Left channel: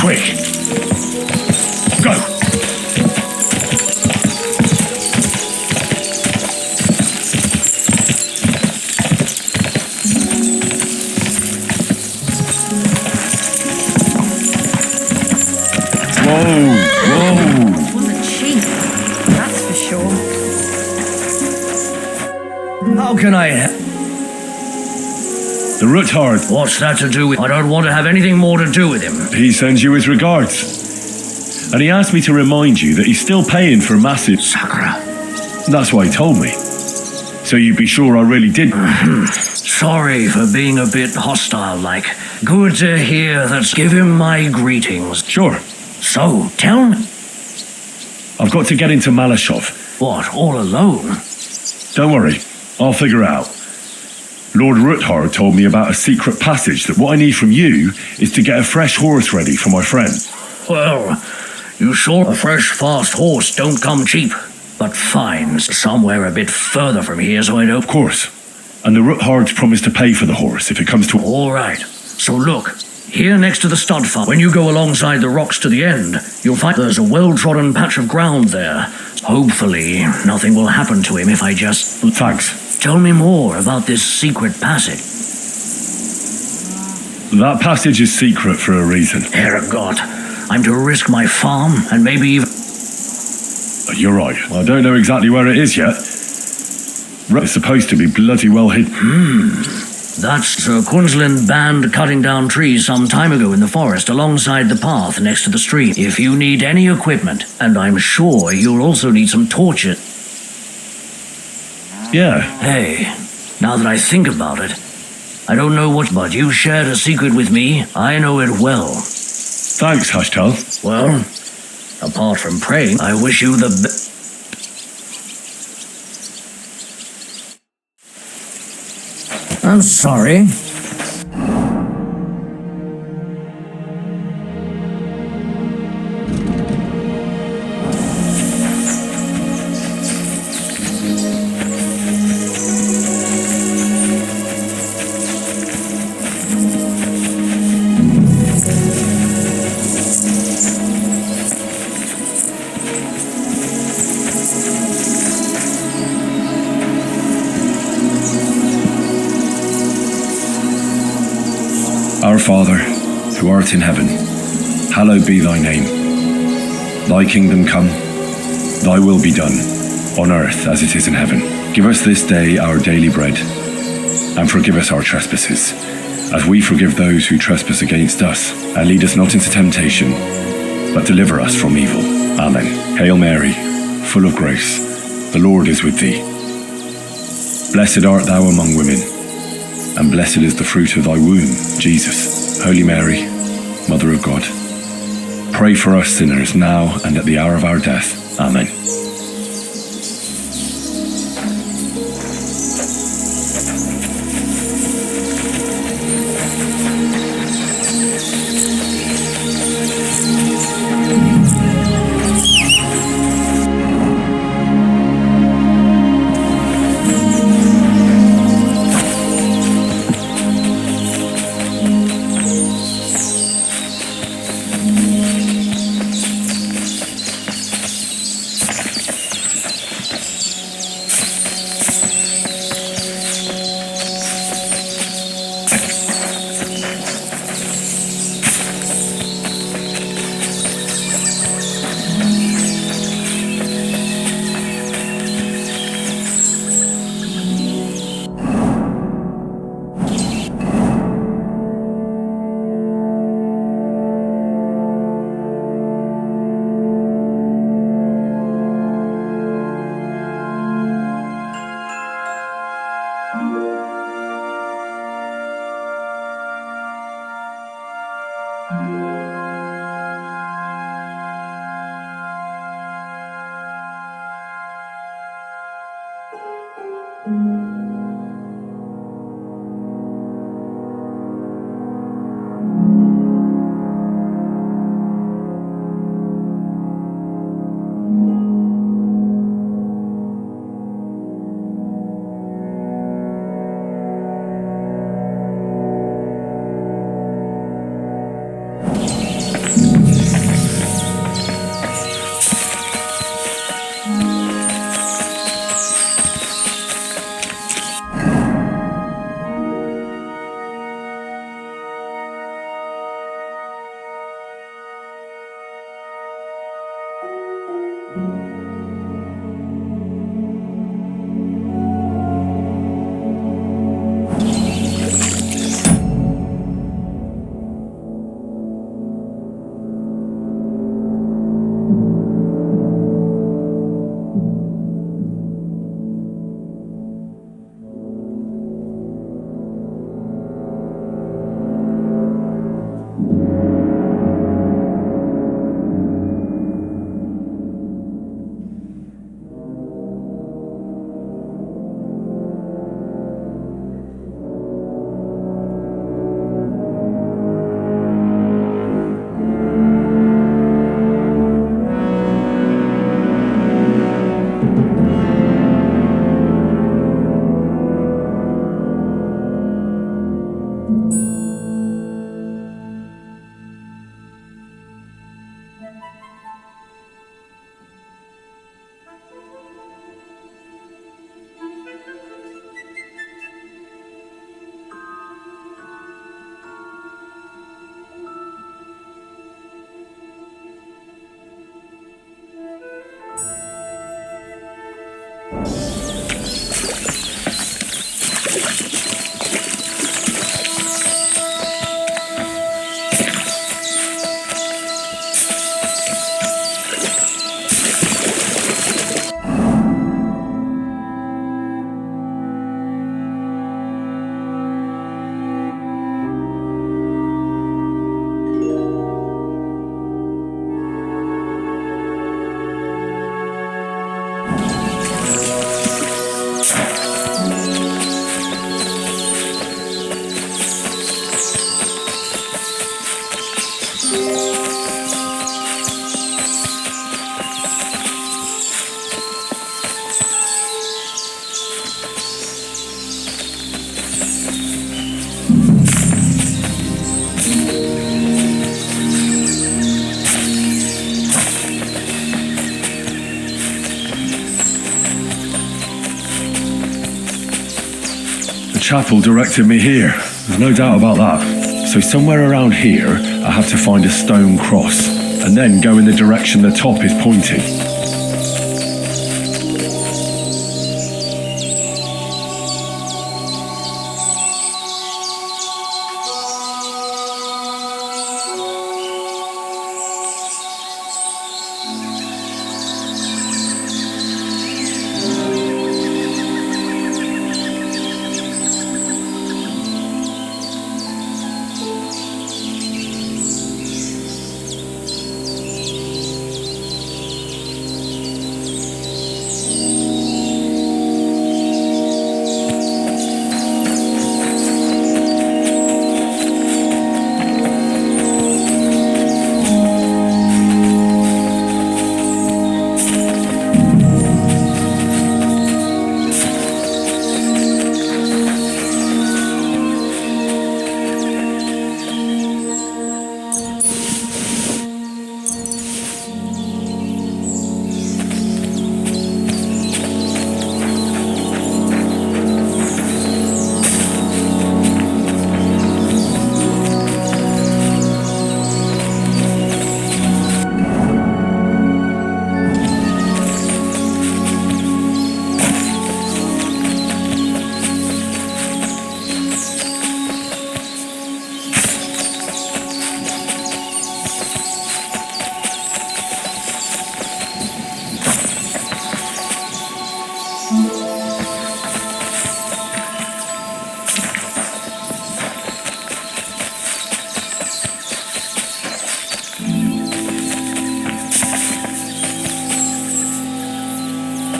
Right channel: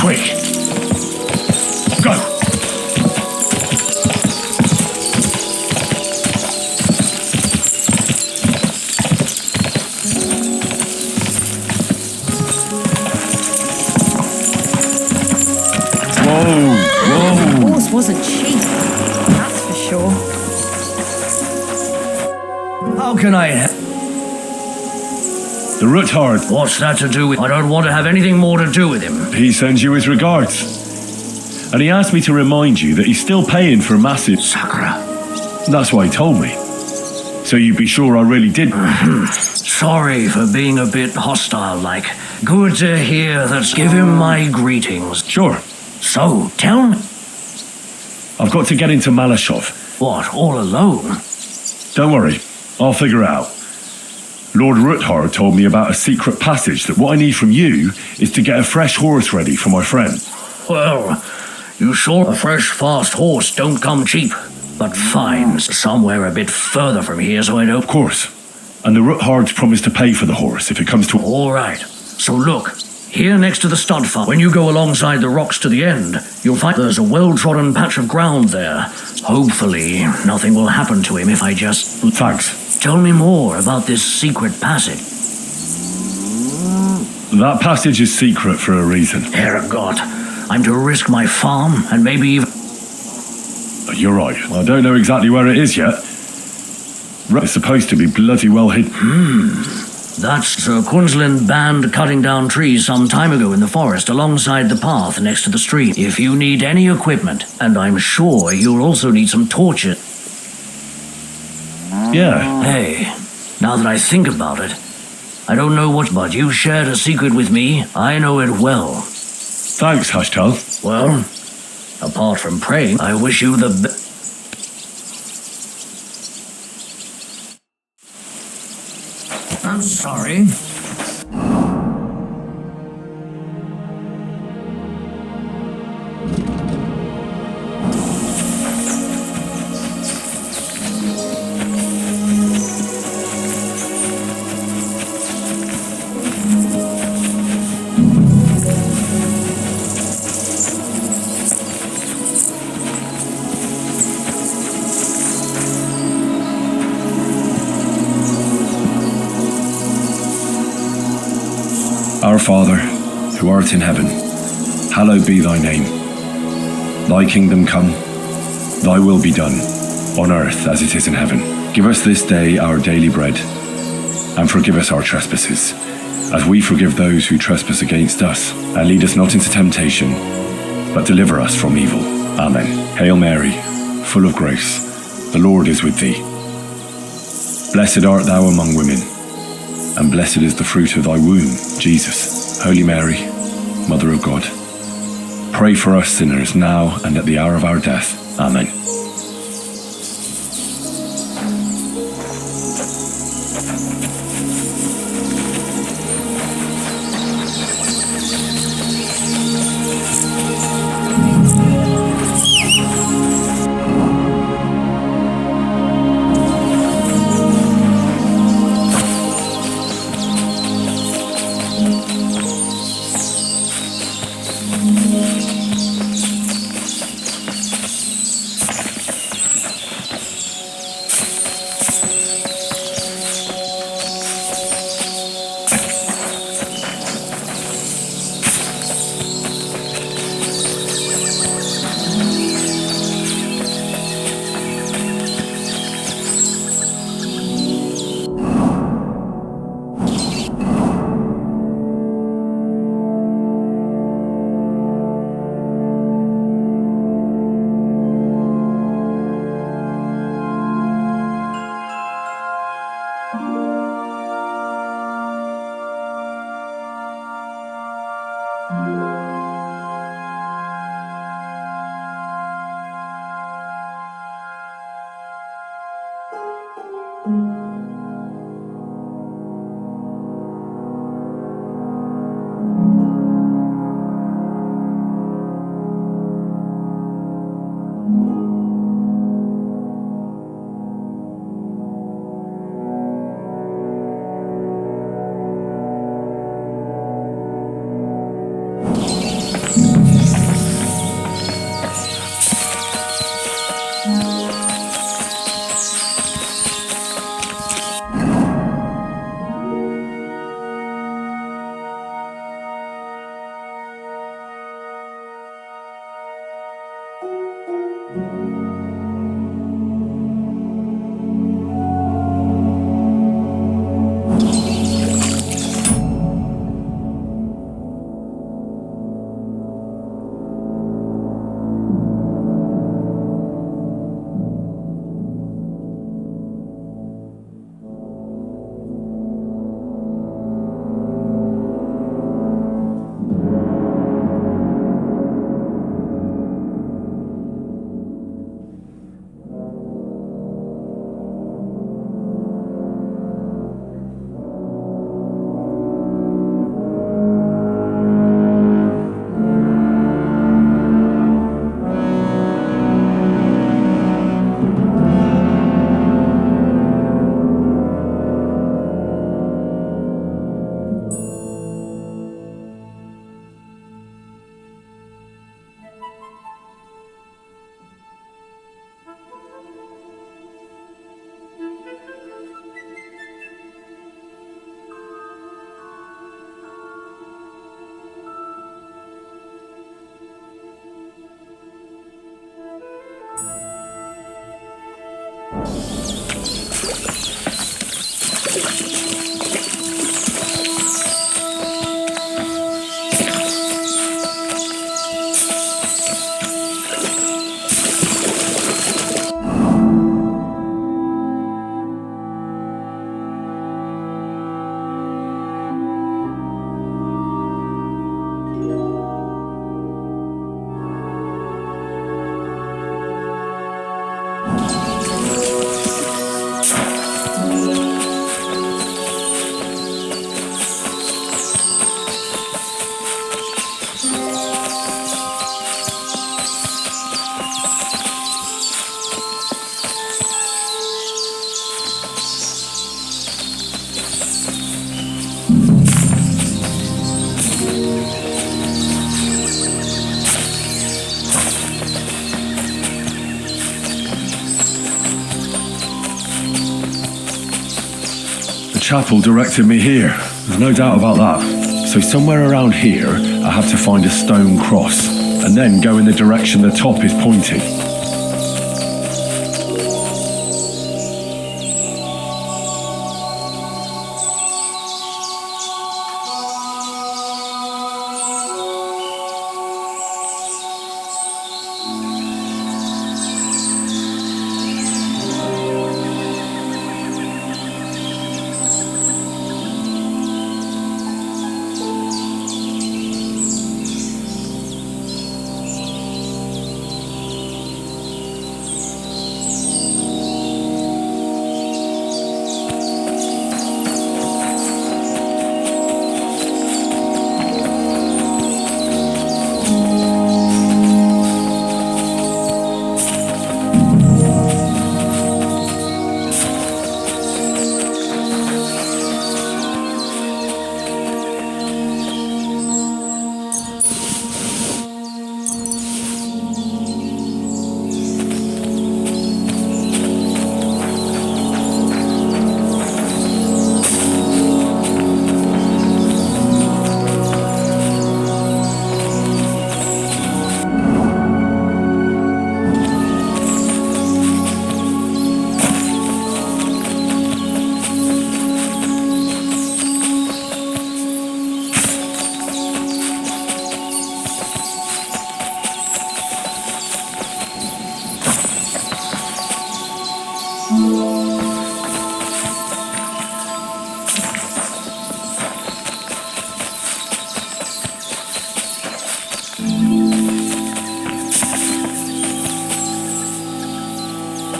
Quick! Go! Whoa! This wasn't cheap, that's for sure. How can I... The Ruthard. What's that to do with... I don't want to have anything more to do with him. He sends you his regards. And he asked me to remind you that he's still paying for massive... Sakura. That's why he told me. So you'd be sure I really did... Sorry for being a bit hostile-like. Good to hear that. Give him my greetings. Sure. So, tell me... I've got to get into Malashov. What, all alone? Don't worry. I'll figure it out. Lord Ruthard told me about a secret passage that what I need from you is to get a fresh horse ready for my friend. Well, you sure a fresh, fast horse don't come cheap. But fine, somewhere a bit further from here so I don't... Of course. And the Ruthards promised to pay for the horse if it comes to... All right. So look, here next to the stud farm, when you go alongside the rocks to the end, you'll find there's a well-trodden patch of ground there. Hopefully, nothing will happen to him if I just... Thanks. Tell me more about this secret passage. That passage is secret for a reason. Herregott, I'm to risk my farm and maybe even... You're right. I don't know exactly where it is yet. It's supposed to be bloody well hidden. That's Sir Quinslin band cutting down trees some time ago in the forest alongside the path next to the stream. If you need any equipment, and I'm sure you'll also need some torches... Yeah. Hey, now that I think about it, I don't know what, but you shared a secret with me. I know it well. Thanks, Hashtal. Well, apart from praying, I wish you the I'm sorry. Our Father, who art in heaven, hallowed be thy name. Thy kingdom come, thy will be done, on earth as it is in heaven. Give us this day our daily bread, and forgive us our trespasses, as we forgive those who trespass against us. And lead us not into temptation, but deliver us from evil. Amen. Hail Mary, full of grace, the Lord is with thee. Blessed art thou among women, and blessed is the fruit of thy womb, Jesus. Holy Mary, Mother of God, pray for us sinners now and at the hour of our death. Amen. Chapel directed me here. There's no doubt about that. So somewhere around here, I have to find a stone cross, and then go in the direction the top is pointing.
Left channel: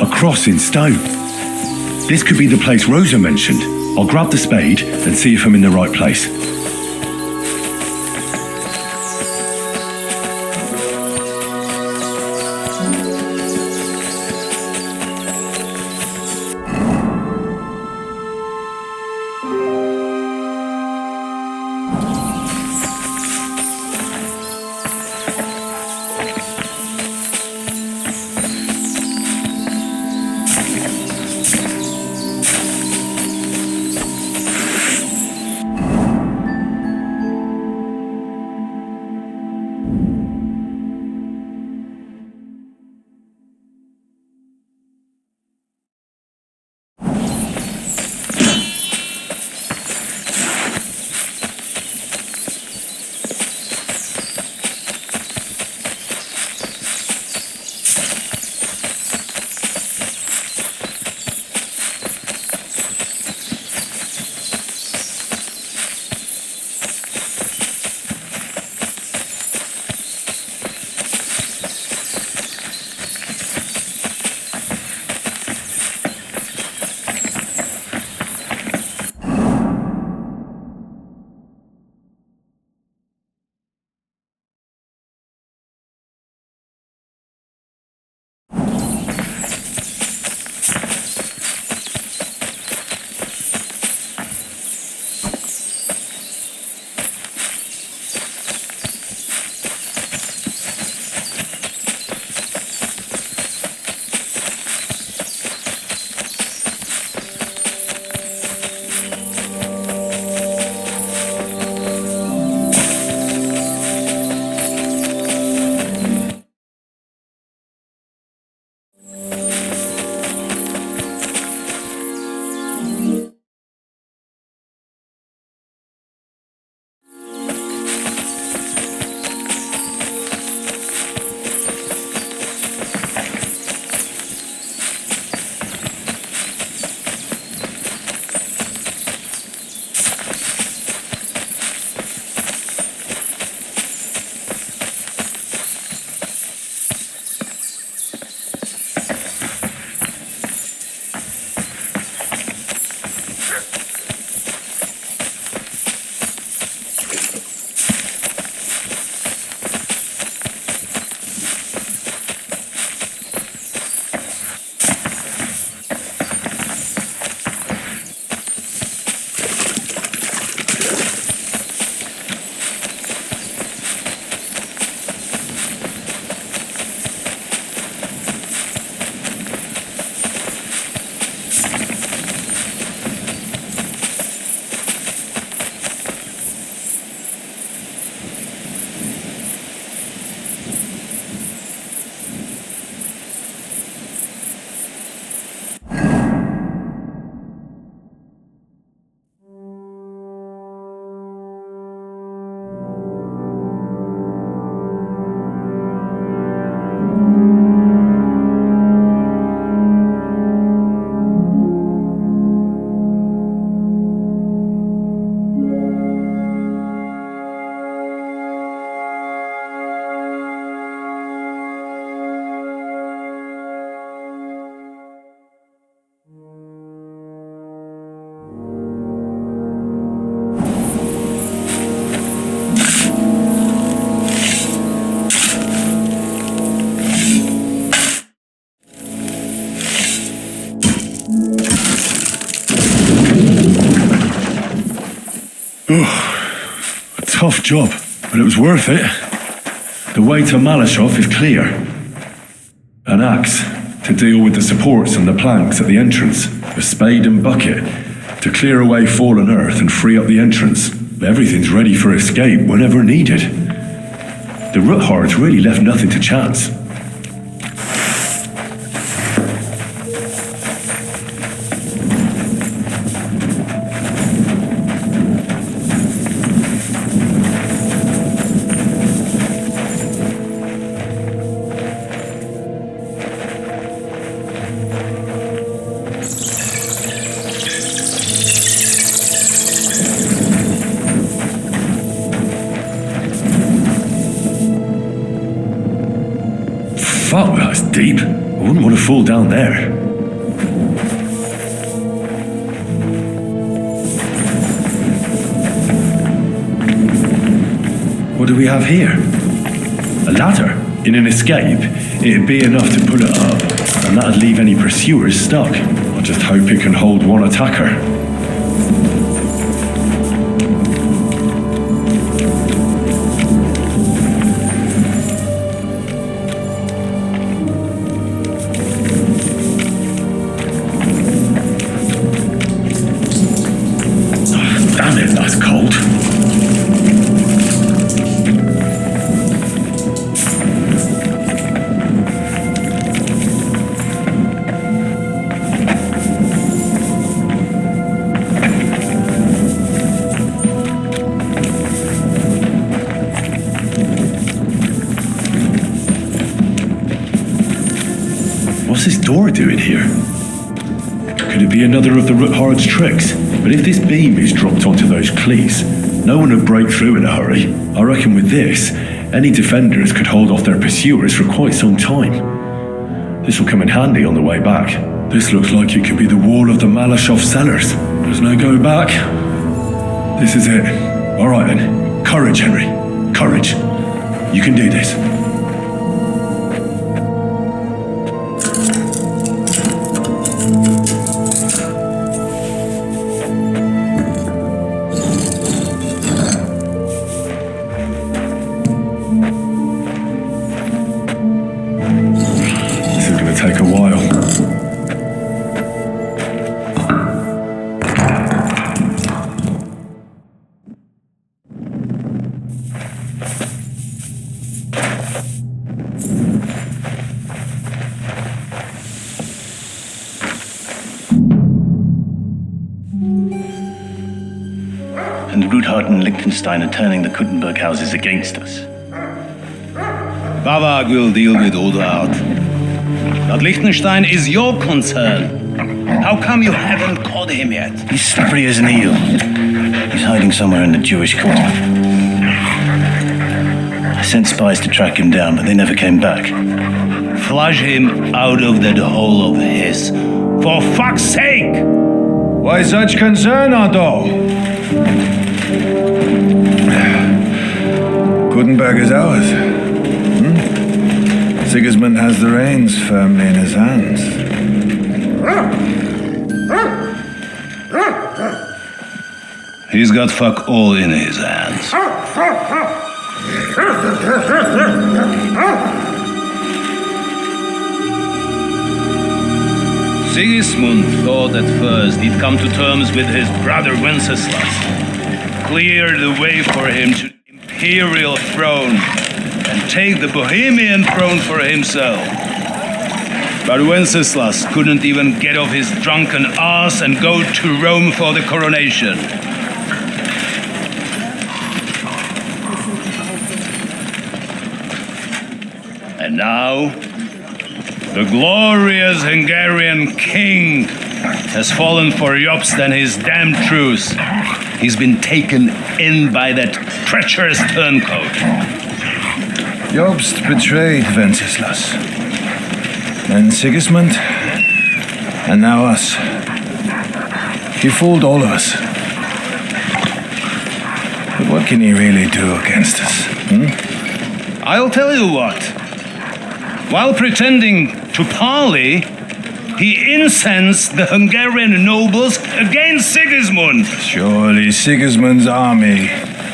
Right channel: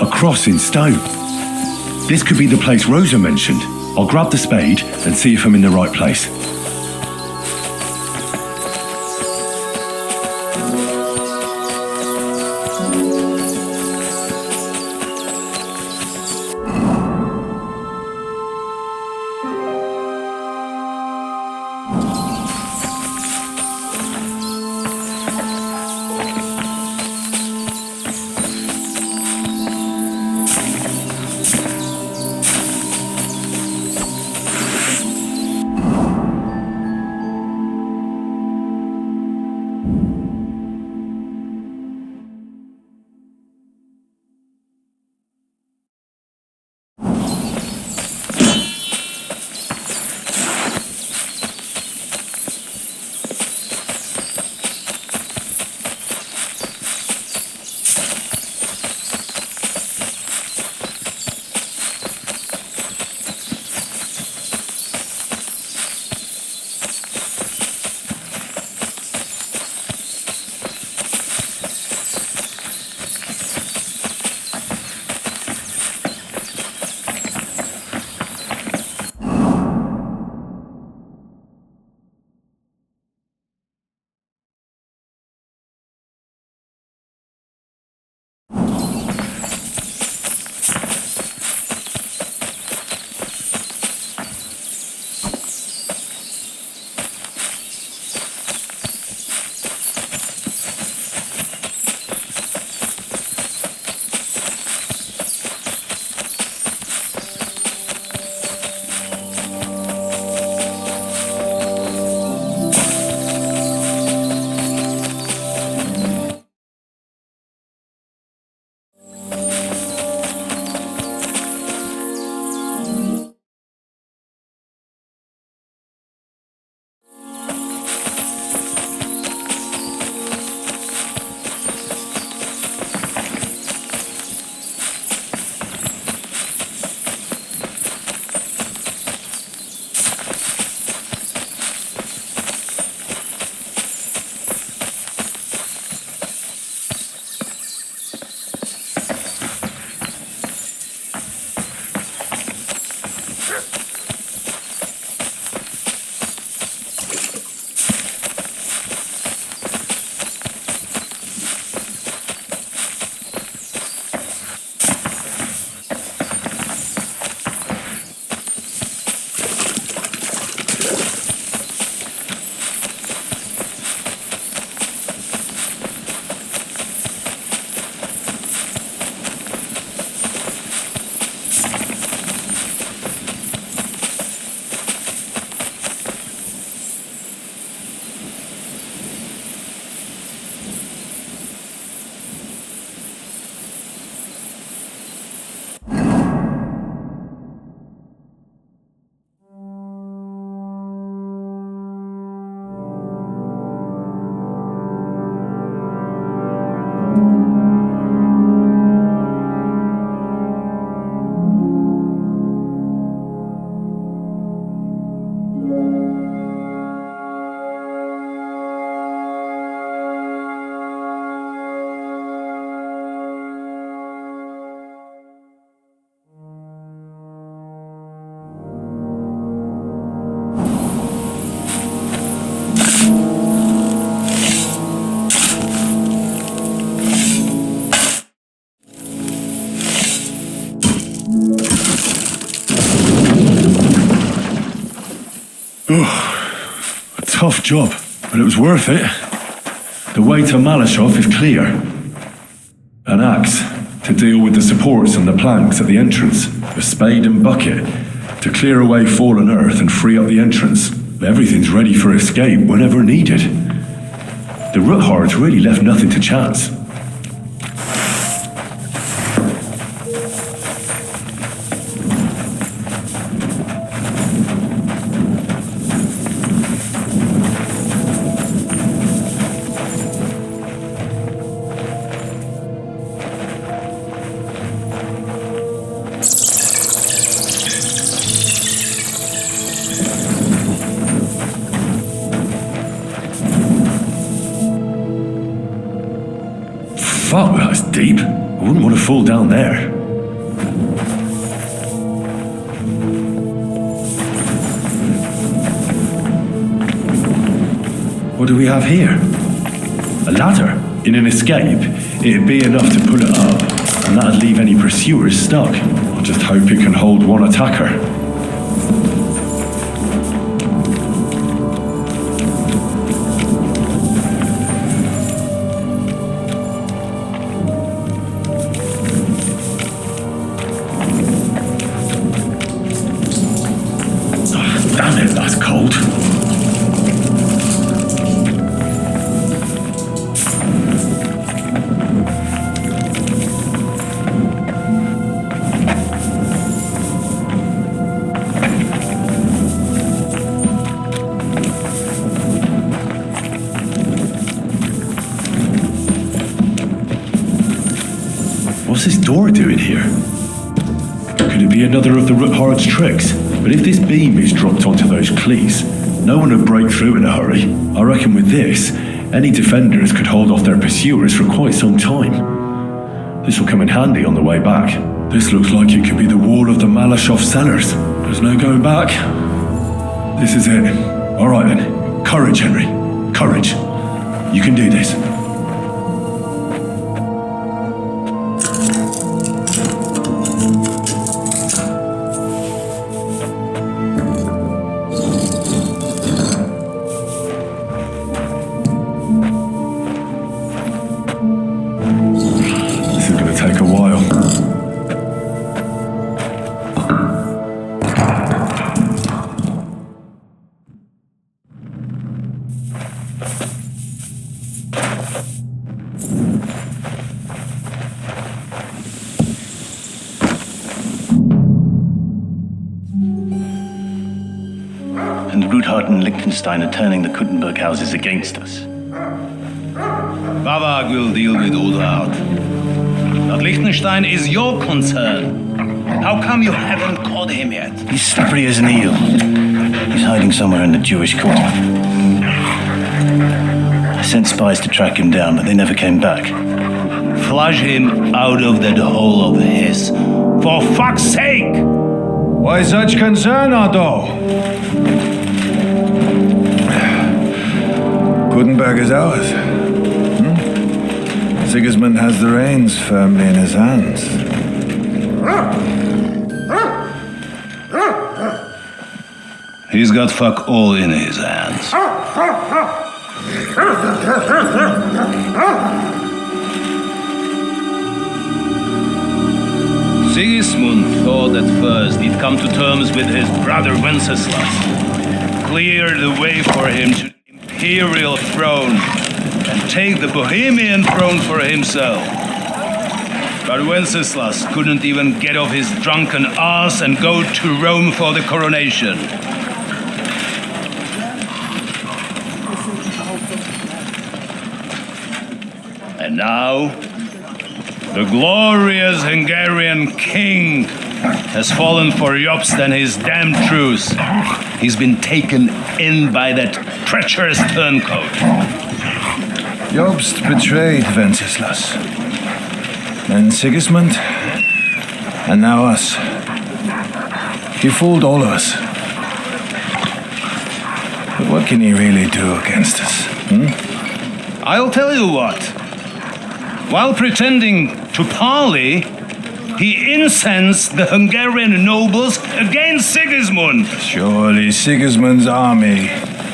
A cross in stone. This could be the place Rosa mentioned. I'll grab the spade and see if I'm in the right place. A tough job, but it was worth it. The way to Malashov is clear. An axe to deal with the supports and the planks at the entrance. A spade and bucket to clear away fallen earth and free up the entrance. Everything's ready for escape whenever needed. The Ruthards really left nothing to chance. Fuck, that's deep. I wouldn't want to fall down there. What do we have here? A ladder. In an escape, it'd be enough to pull it up, and that'd leave any pursuers stuck. I just hope it can hold one attacker. Damn it, that's cold. What's this door doing here? Could it be another of the Ruthard's tricks? But if this beam is dropped onto those cleats, no one would break through in a hurry. I reckon with this, any defenders could hold off their pursuers for quite some time. This will come in handy on the way back. This looks like it could be the wall of the Malashov cellars. There's no going back. This is it. All right then. Courage, Henry. Courage. You can do this. This is going to take a while. And Ruthard and Liechtenstein are turning the Kuttenberg houses against us. Bavag will deal with Ruthard. But Liechtenstein is your concern. How come you haven't caught him yet? He's slippery as an eel. He's hiding somewhere in the Jewish quarter. I sent spies to track him down, but they never came back. Flush him out of that hole of his. For fuck's sake! Why such concern, Otto? Kuttenberg is ours. Sigismund has the reins firmly in his hands. He's got fuck all in his hands. Sigismund thought at first he'd come to terms with his brother Wenceslas, clear the way for him to the imperial throne and take the Bohemian throne for himself. But Wenceslas couldn't even get off his drunken ass and go to Rome for the coronation. And now, the glorious Hungarian king has fallen for Jobst and his damned truce. He's been taken in by that treacherous turncoat. Jobst betrayed Wenceslas. Then Sigismund, and now us. He fooled all of us. But what can he really do against us? I'll tell you what. While pretending to parley, he incensed the Hungarian nobles against Sigismund. Surely Sigismund's army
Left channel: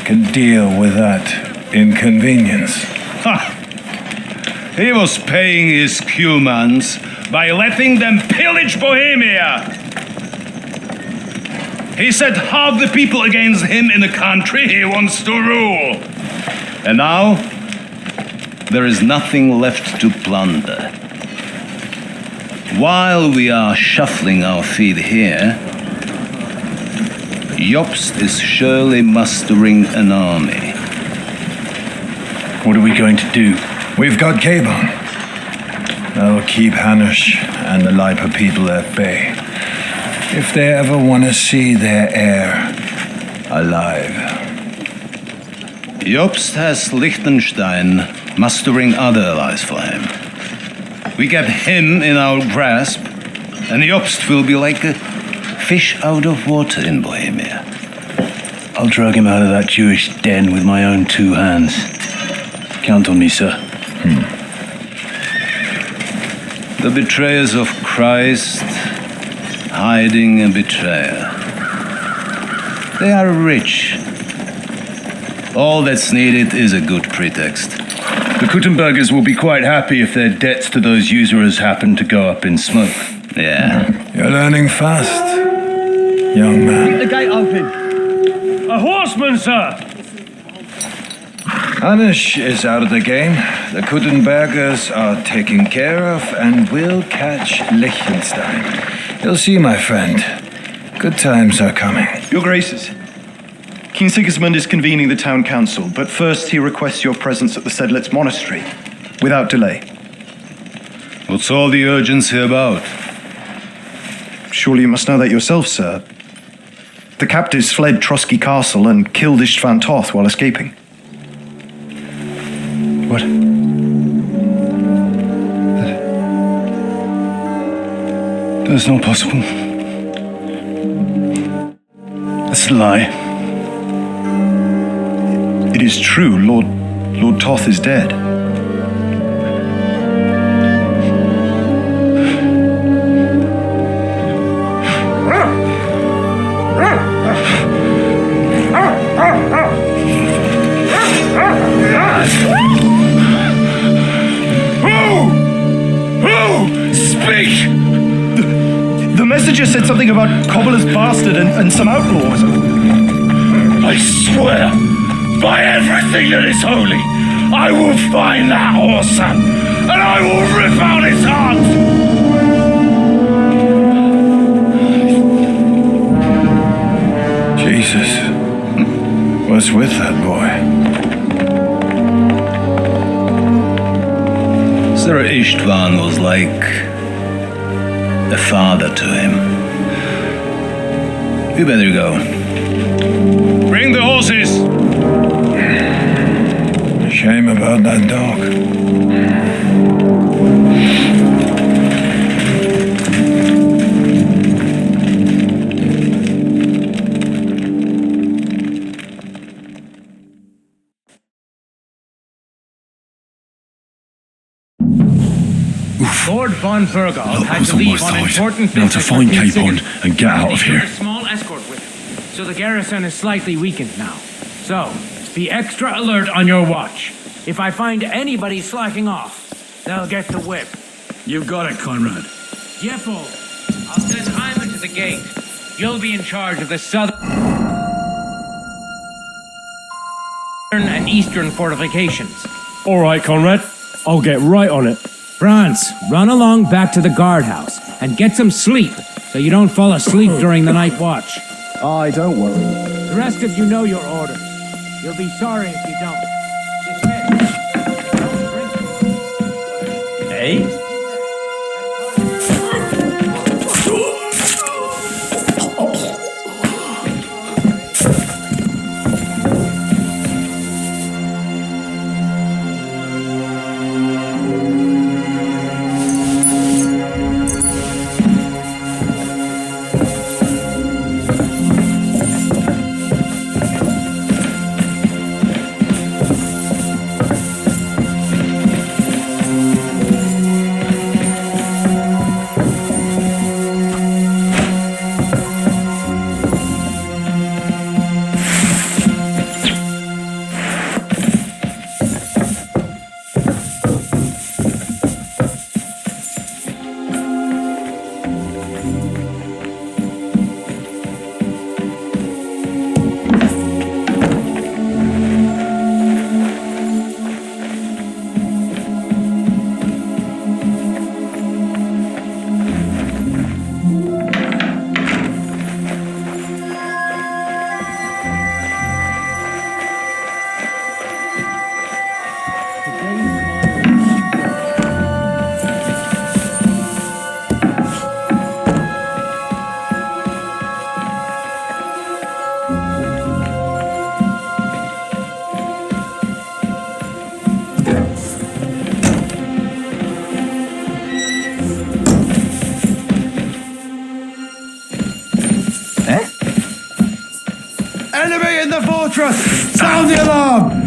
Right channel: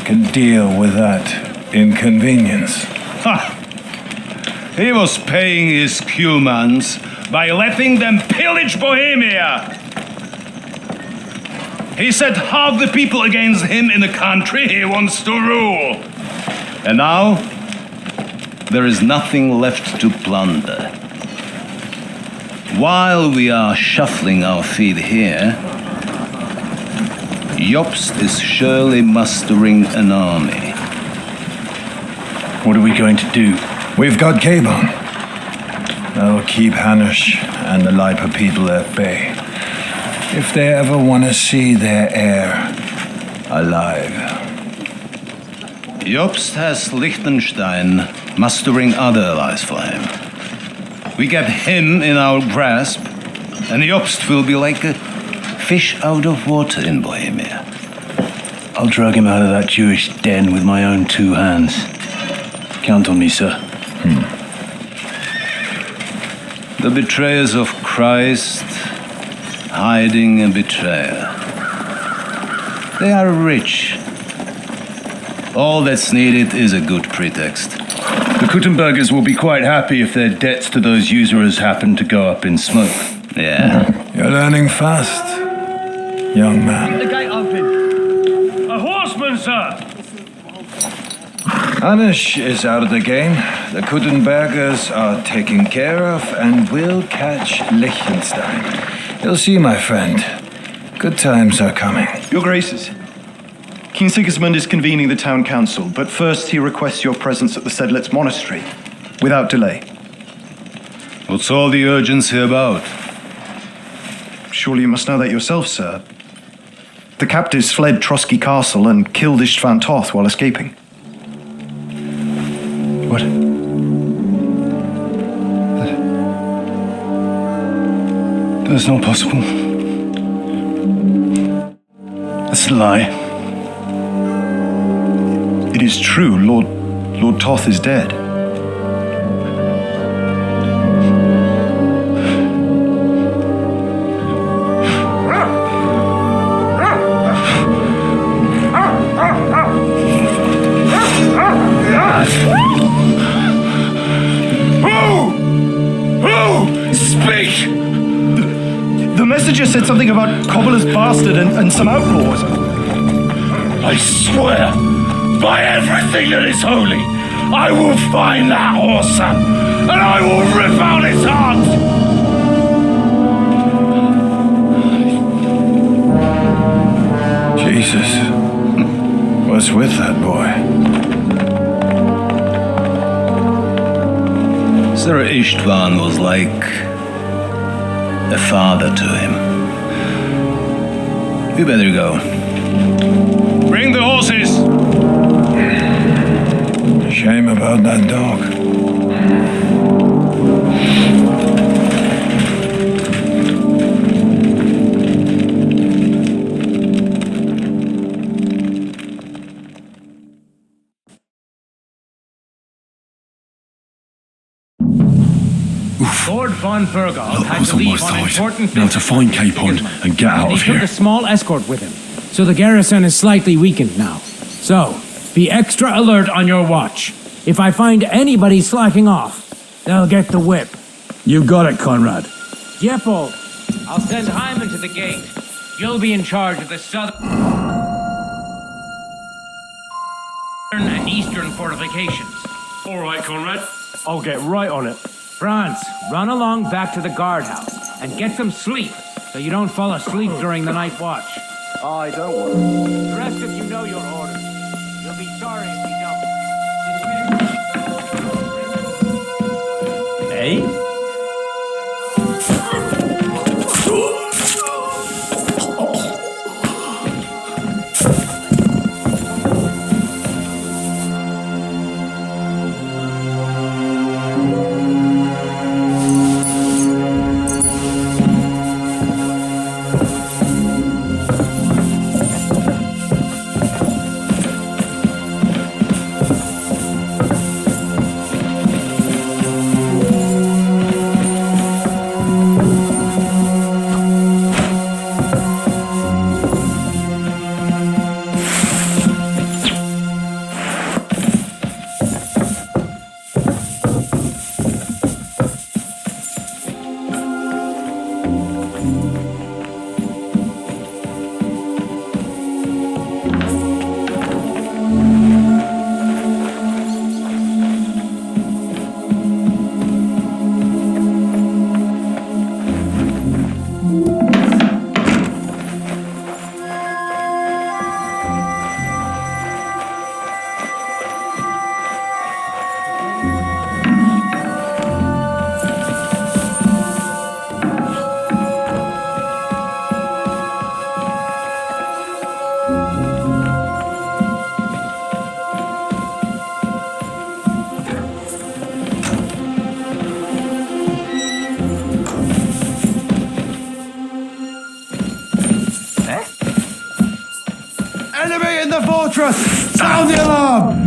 can deal with that inconvenience. Ha! He was paying his Cumans by letting them pillage Bohemia. He set half the people against him in the country he wants to rule. And now, there is nothing left to plunder. While we are shuffling our feet here, Jobst is surely mustering an army. What are we going to do? We've got Kabon. That'll keep HANUSH and the Lipa people at bay. If they ever want to see their heir alive. Jobst has Liechtenstein mustering other allies for him. We get him in our grasp, and Jobst will be like a fish out of water in Bohemia. I'll drag him out of that Jewish den with my own 2 hands. Count on me, sir. The betrayers of Christ hiding a betrayer. They are rich. All that's needed is a good pretext. The Kuttenbergers will be quite happy if their debts to those usurers happen to go up in smoke. Yeah. You're learning fast, young man. The gate open. A horseman, sir! HANUSH is out of the game. The Kuttenbergers are taken care of, and we'll catch Liechtenstein. You'll see, my friend. Good times are coming. Your Graces, King Sigismund is convening the town council, but first he requests your presence at the Sedlitz monastery, without delay. What's all the urgency about? Surely you must know that yourself, sir. The captives fled Trotsky Castle and killed Istvan Toth while escaping. What? That's not possible. That's a lie. It is true, Lord Toth is dead. Who? Speak! The messenger said something about Cobbler's bastard and some outlaws. I swear, by everything that is holy, I will find that whoreson, and I will rip out his heart! Jesus. What's with that boy? Sir Istvan was like a father to him. We better go. Bring the horses! Shame about that dog. Lord von Burgall had was to on my leave on side. important Now to business find with King Capon Sigismund. and get out of He here. took a small escort with him, so the garrison is slightly weakened now. So, be extra alert on your watch. If I find anybody slacking off, they'll get the whip. You got it, Conrad. Jeppel, I'll send Hyman to the gate. You'll be in charge of the southern and eastern fortifications. All right, Conrad. I'll get right on it. Franz, run along back to the guardhouse and get some sleep so you don't fall asleep during the night watch. Aye, don't worry. The rest of you know your orders. You'll be sorry if you don't. Dismiss. Hey? fortress! Sound the alarm!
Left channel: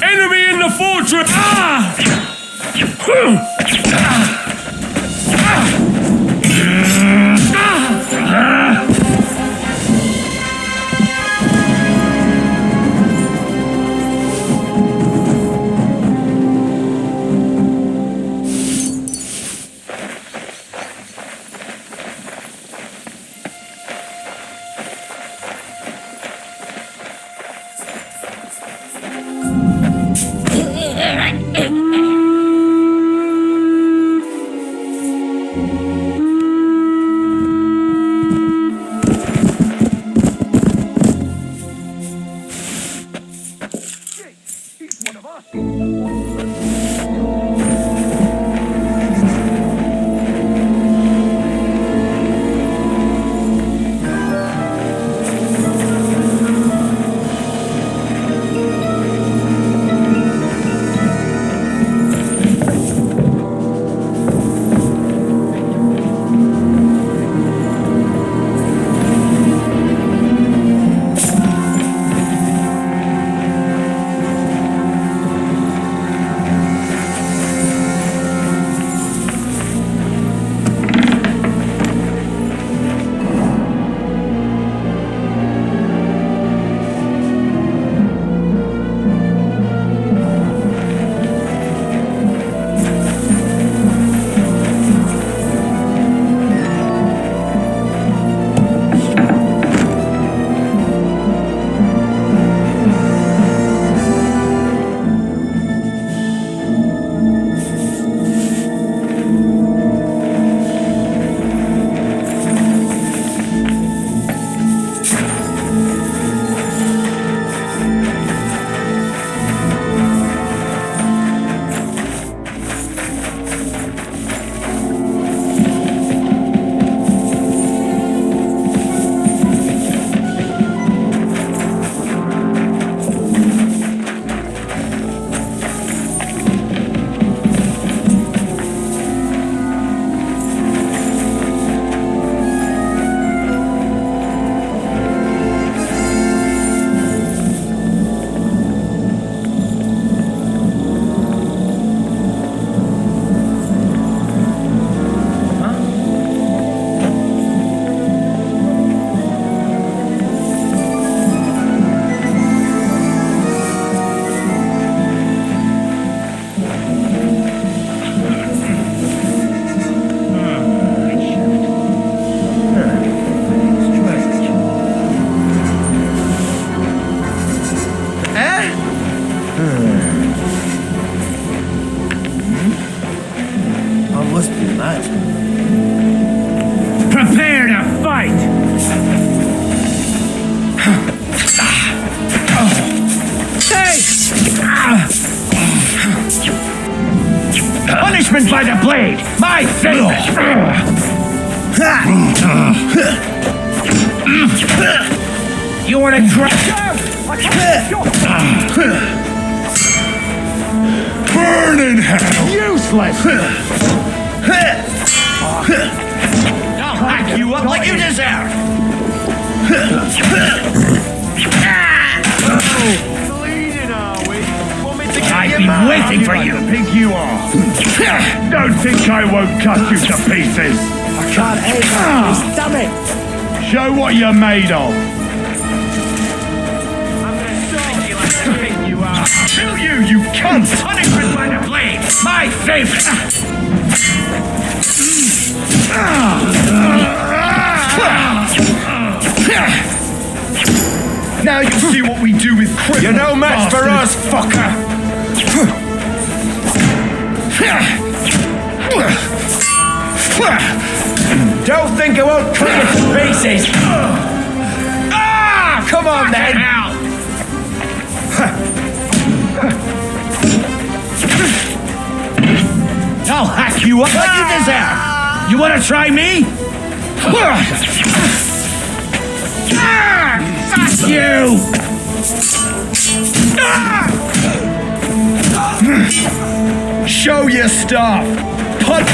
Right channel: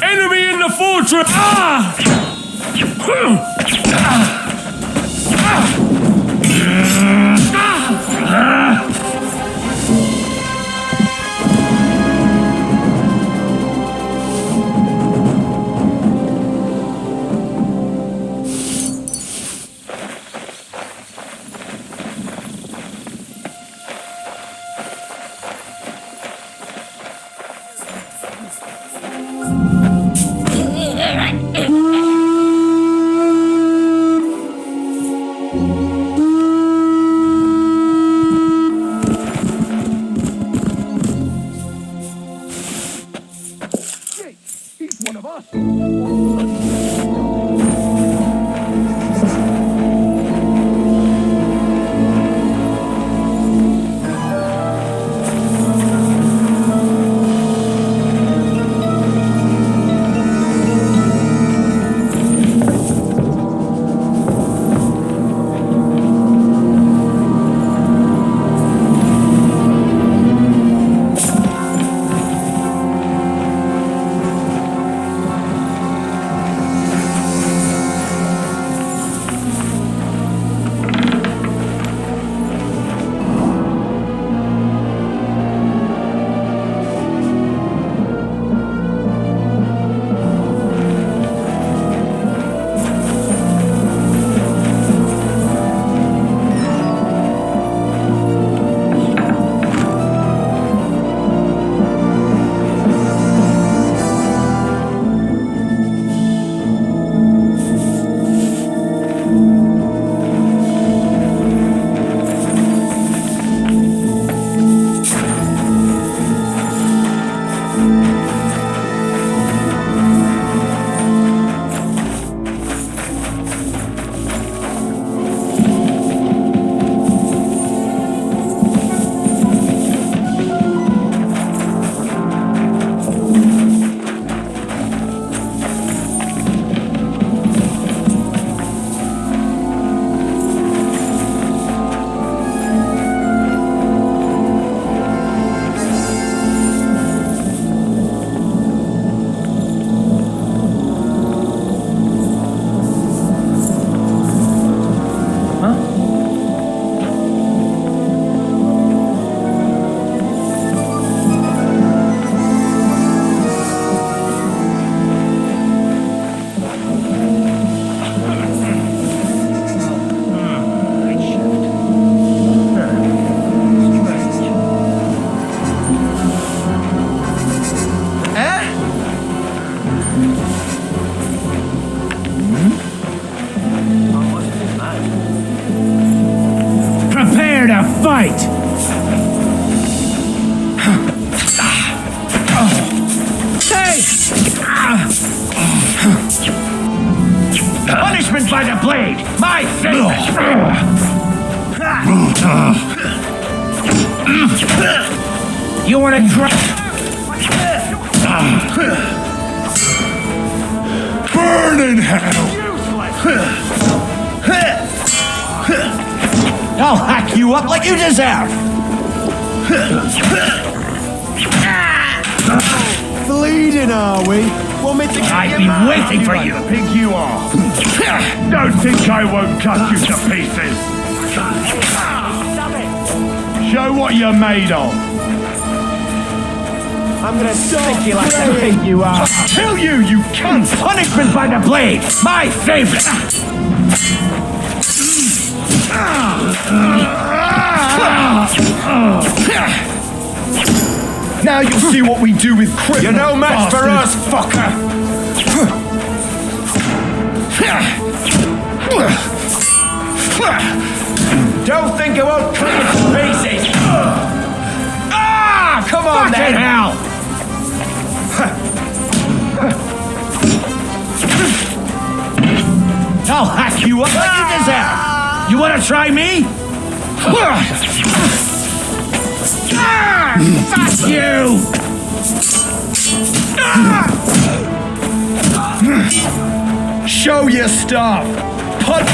Enemy in the fortress! Ah! Prepare to fight! Hey! Punishment by the blade! My favorite! You wanna try? Burn in hell! Useless! I'll hack you up like you deserve! Bleeding, are we? Want me to get I've your been mouth? waiting for you. The pig you are. Don't think I won't cut you to pieces. I can't hear you. Damn it! Show what you're made of. I'm gonna stick you like the pig you are. Kill you, you cunt! Punishment by the blade! My favorite! Now you'll see what we do with criminals. You're no match for us, fucker! Don't think I won't cut you to pieces. Ah! Come on, then. Hell! I'll hack you up like you deserve! You wanna try me? Fuck you! Show your stuff! Punch!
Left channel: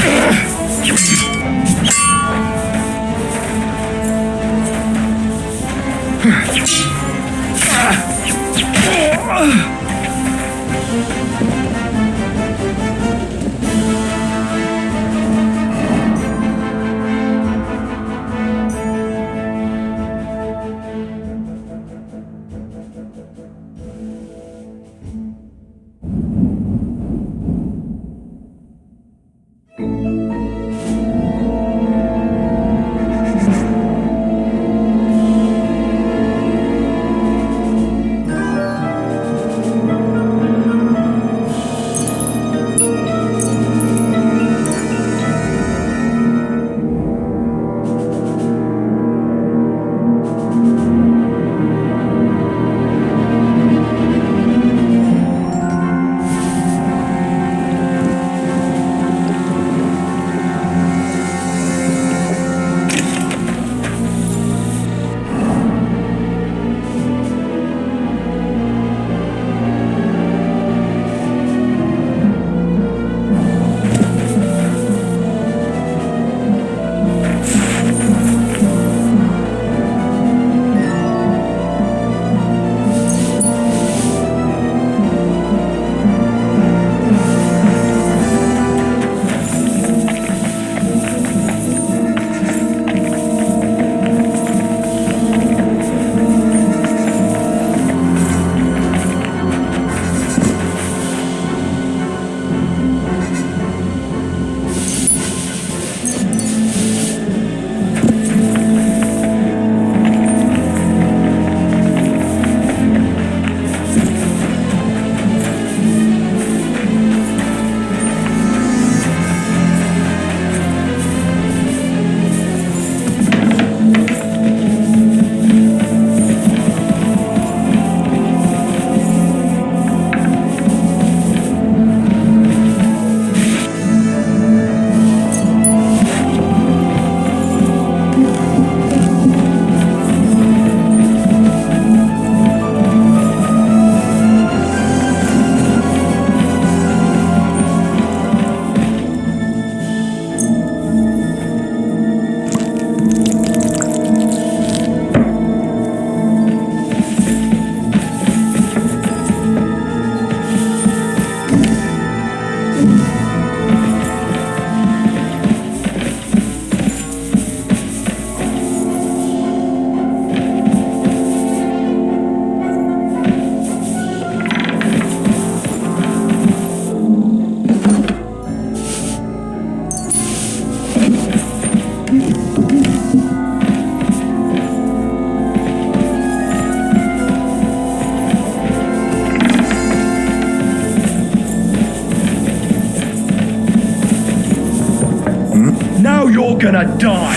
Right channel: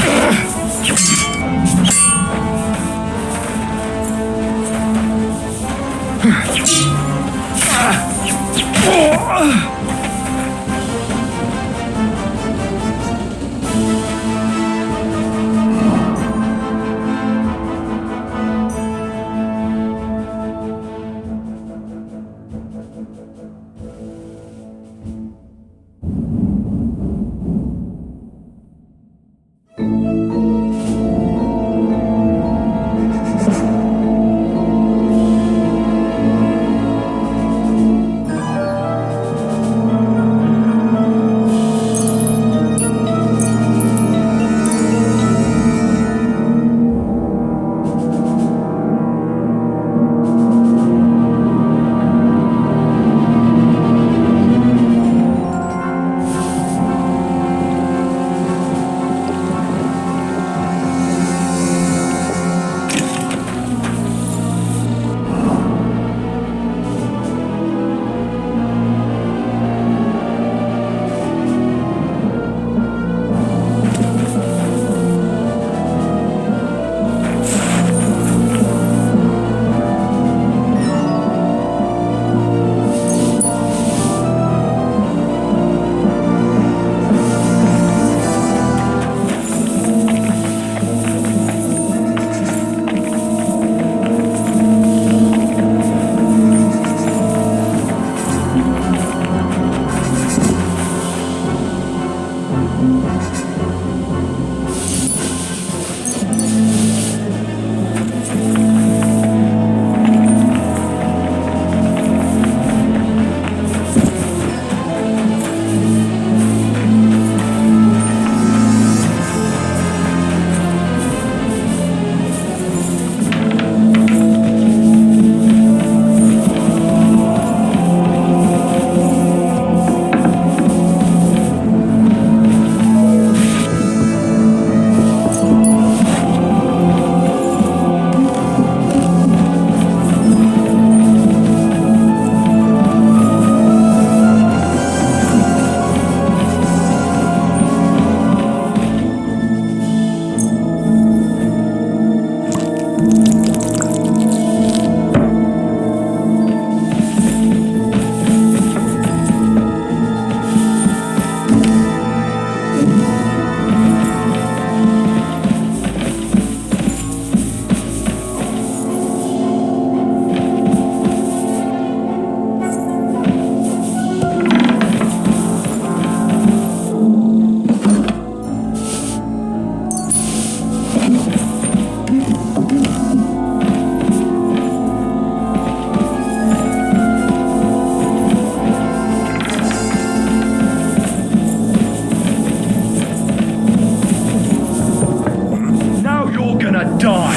You're gonna die!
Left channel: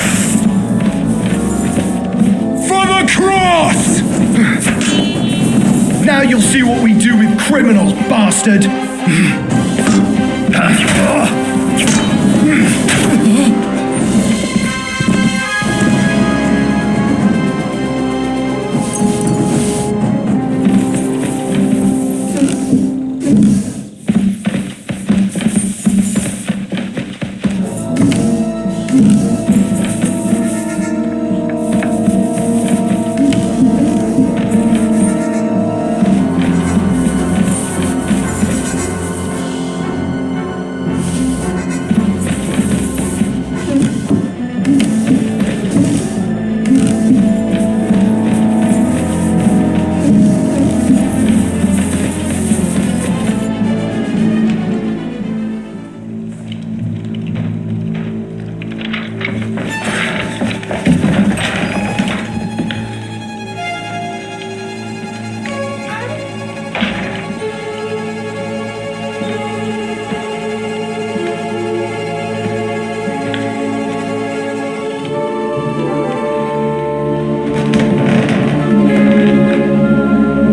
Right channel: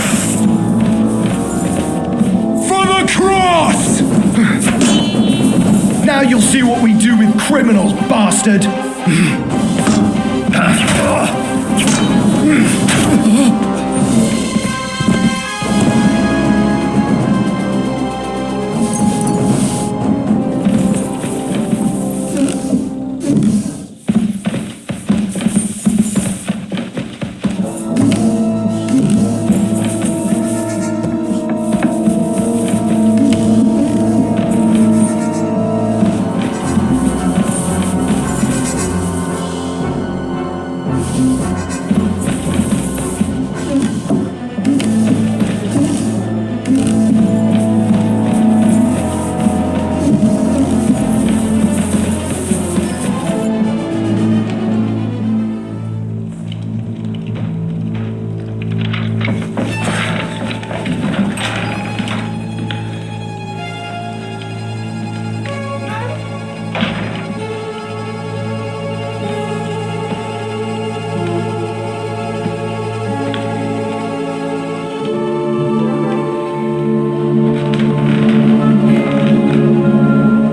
For the cross! Now you'll see what we do with criminals, bastard!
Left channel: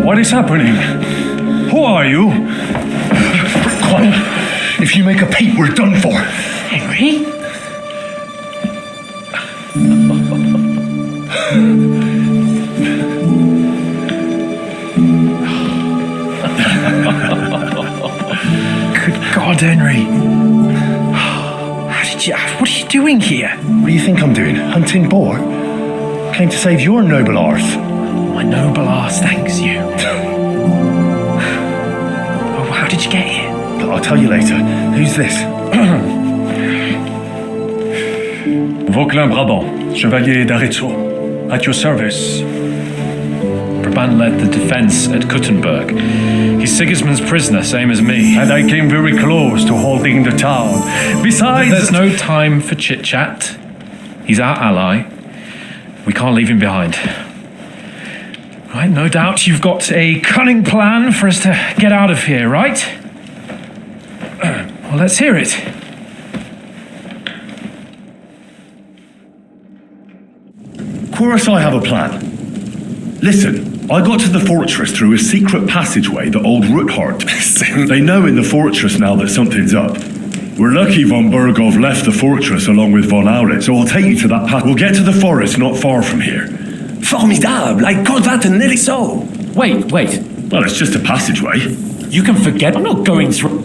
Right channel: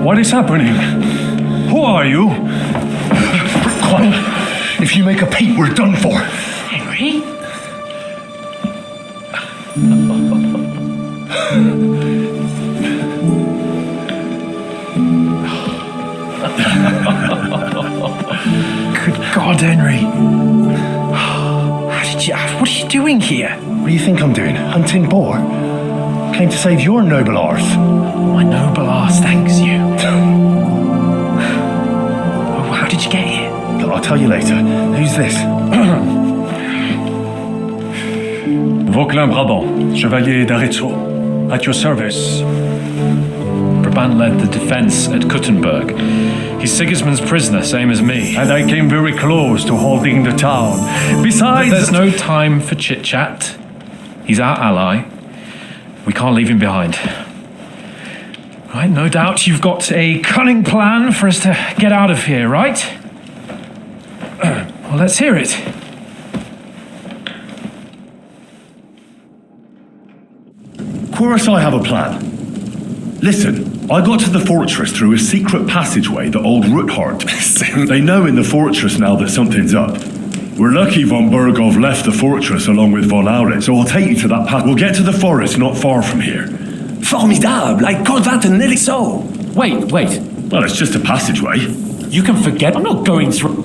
What is happening? Who are you? Quiet. If you make a peep, we're done for. Henry? Good God, Henry. What are you doing here? What do you think I'm doing? Hunting boar? Came to save your noble arse. My noble arse thanks you. Oh, how did you get here? I'll tell you later. Who's this? Vauquelin Brabant, Chevalier d'Arezzo, at your service. Brabant led the defense at Kuttenberg. He's Sigismund's prisoner, same as me. And I came very close to holding the town. Besides... There's no time for chit-chat. He's our ally. We can't leave him behind. Right, no doubt you've got a cunning plan for us to get out of here, right? Well, let's hear it. Of course I have a plan. Listen, I got to the fortress through a secret passageway that old Ruthard. They know in the fortress now that something's up. We're lucky von Burgov left the fortress along with von Aulett, so I'll take you to that path. We'll get to the forest not far from here. Formidable! I call that an elixir. Wait. Well, it's just a passageway. You can forget. I'm not going through.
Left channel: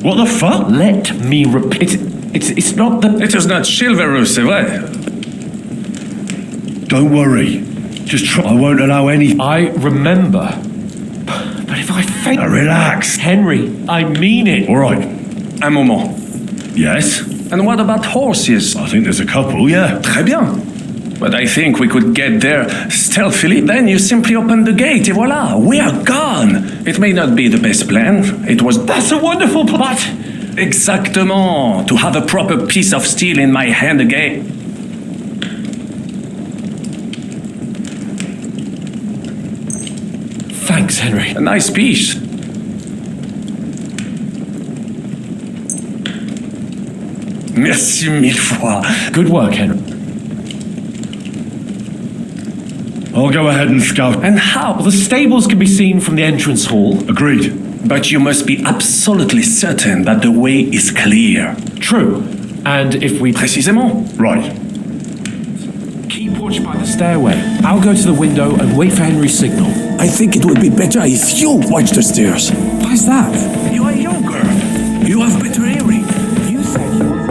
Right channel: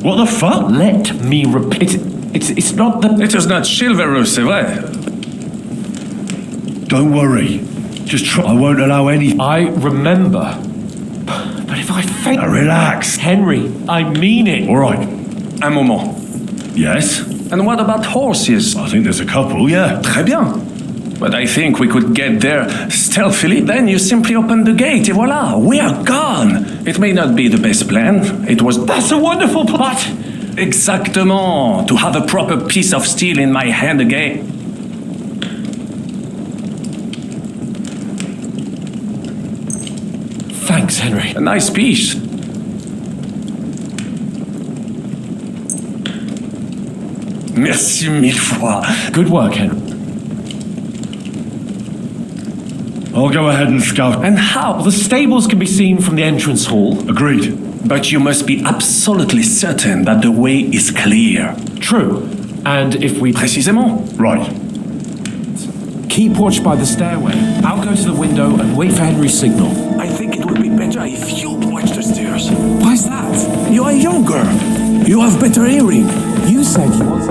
What the fuck? Let me repeat. It's not the. It is not chivalrous, c'est vrai. Don't worry. Just try. I won't allow any. I remember. But if I faint. Now relax. Henry, I mean it. All right. Un moment. Yes? And what about horses? I think there's a couple, yeah. Très bien. But I think we could get there stealthily. Then you simply open the gate, et voila, we are gone. It may not be the best plan. That's a wonderful plot. Exactement. To have a proper piece of steel in my hand again. Thanks, Henry. A nice piece. Merci mille fois. Good work, Henry. I'll go ahead and scout. And how? The stables can be seen from the entrance hall. Agreed. But you must be absolutely certain that the way is clear. True. And if we... Précisément. Right. Keep watch by the stairway. I'll go to the window and wait for Henry's signal. I think it would be better if you watch the stairs. Why's that? You are younger. You have better hearing. You said you was...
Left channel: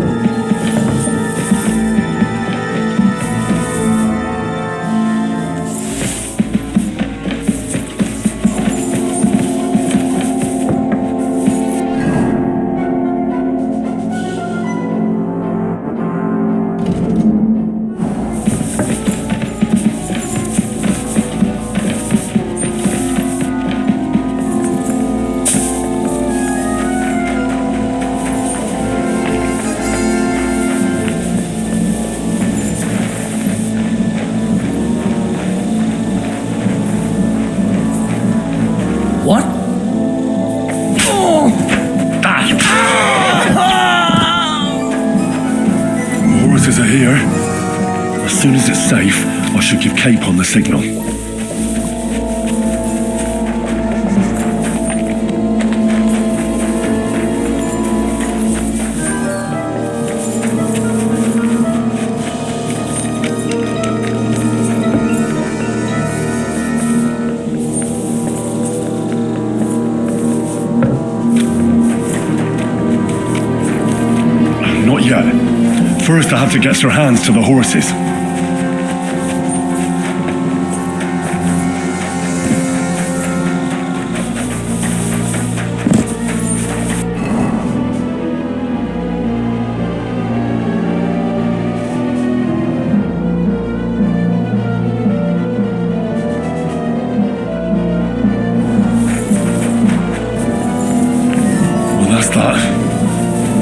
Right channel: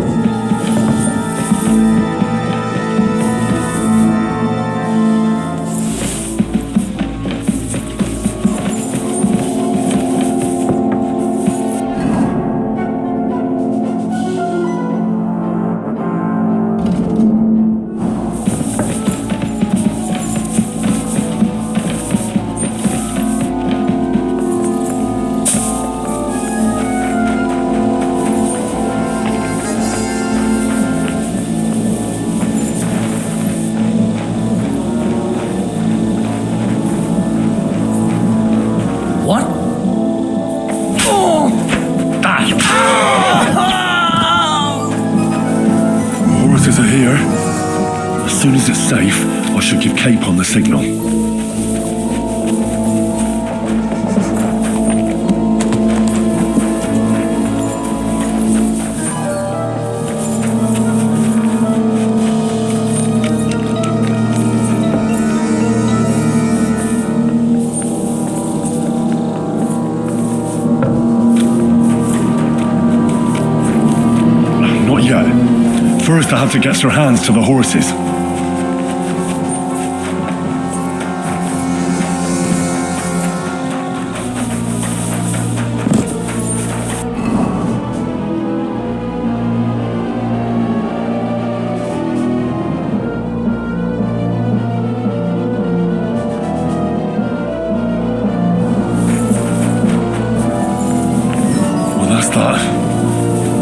What? The horses are here. As soon as it's safe, I should give Capon the signal. Not yet. First, I have to get Sir Hans to the horses. Well, that's that.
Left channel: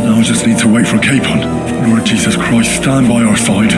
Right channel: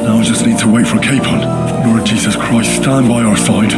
Now I just need to wait for Capon. Lord Jesus Christ, stand by our side.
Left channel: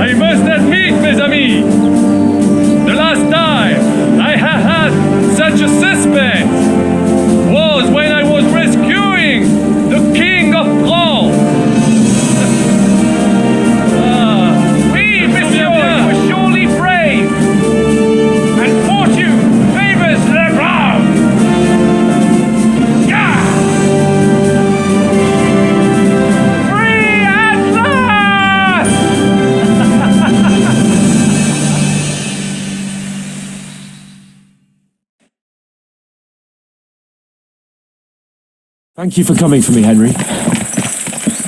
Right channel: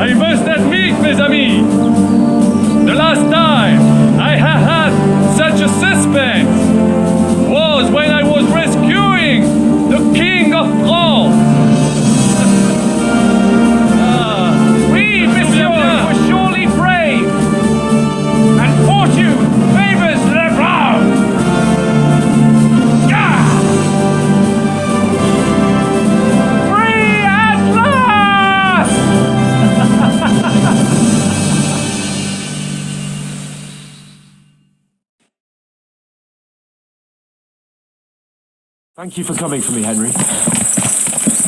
I must admit, mes amis, the last time I have had such a suspense was when I was rescuing the King of France. Oui, monsieur, you were surely brave, and fortune favors le brave. Free at last! Thank you for coming for me, Henry.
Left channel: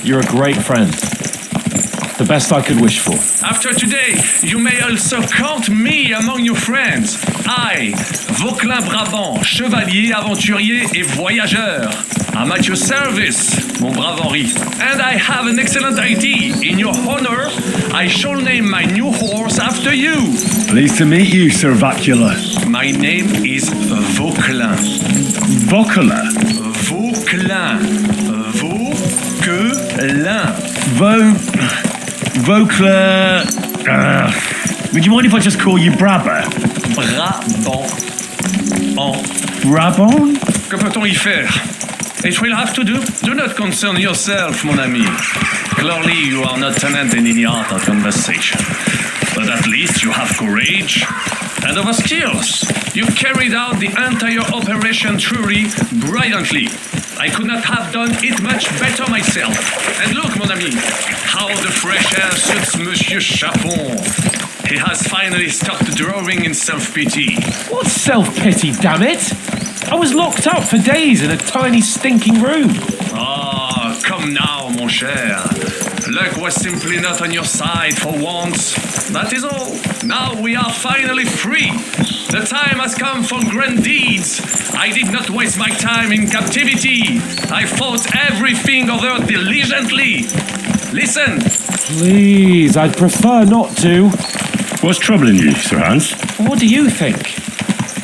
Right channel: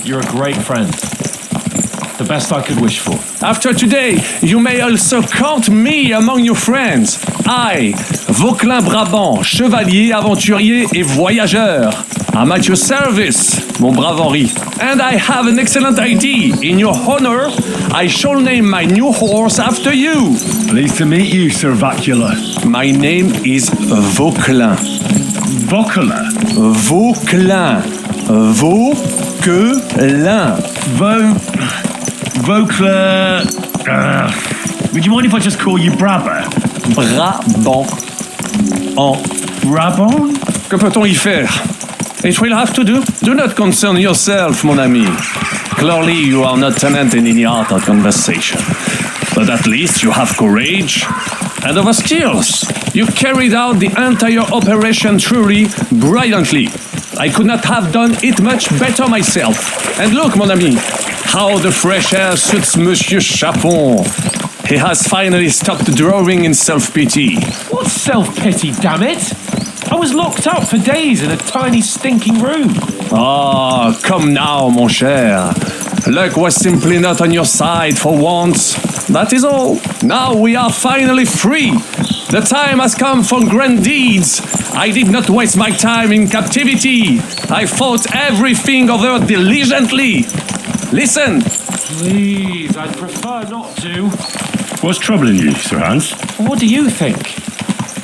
You're a great friend. The best I could wish for. After today, you may also count me among your friends. I, Vauquelin Brabant, chevalier, aventurier et voyageur. I'm at your service, mon brave Henri. And I have an excellent idea. In your honor, I shall name my new horse after you. Pleased to meet you, Sir Vacula. My name is Vauquelin. Vauquelin? Vauquelin. Vauquelin. Vauquelin. Would you mind if I just call you Brabber? Brabant. Brabant? Que peut-on y faire? It will have to do. Do not concern yourself, mon ami. Clearly, you are not talented in the art of conversation. But at least you have courage and other skills. You carried out the entire operation truly brilliantly. I could not have done it much better myself. And look, mon ami, how the fresh air suits Monsieur Chapon. He has finally stopped drawing in self-pity. What self-pity, damn it? I was locked up for days in a tiny stinking room. Ah, come now, mon cher. Luck was simply not on your side for once. That is all. Now we are finally free. The time has come for grand deeds. I did not waste my time in captivity. I fought everything over diligently. Listen. Please, I'd prefer not to. What's troubling you, Sir Hans? What do you think?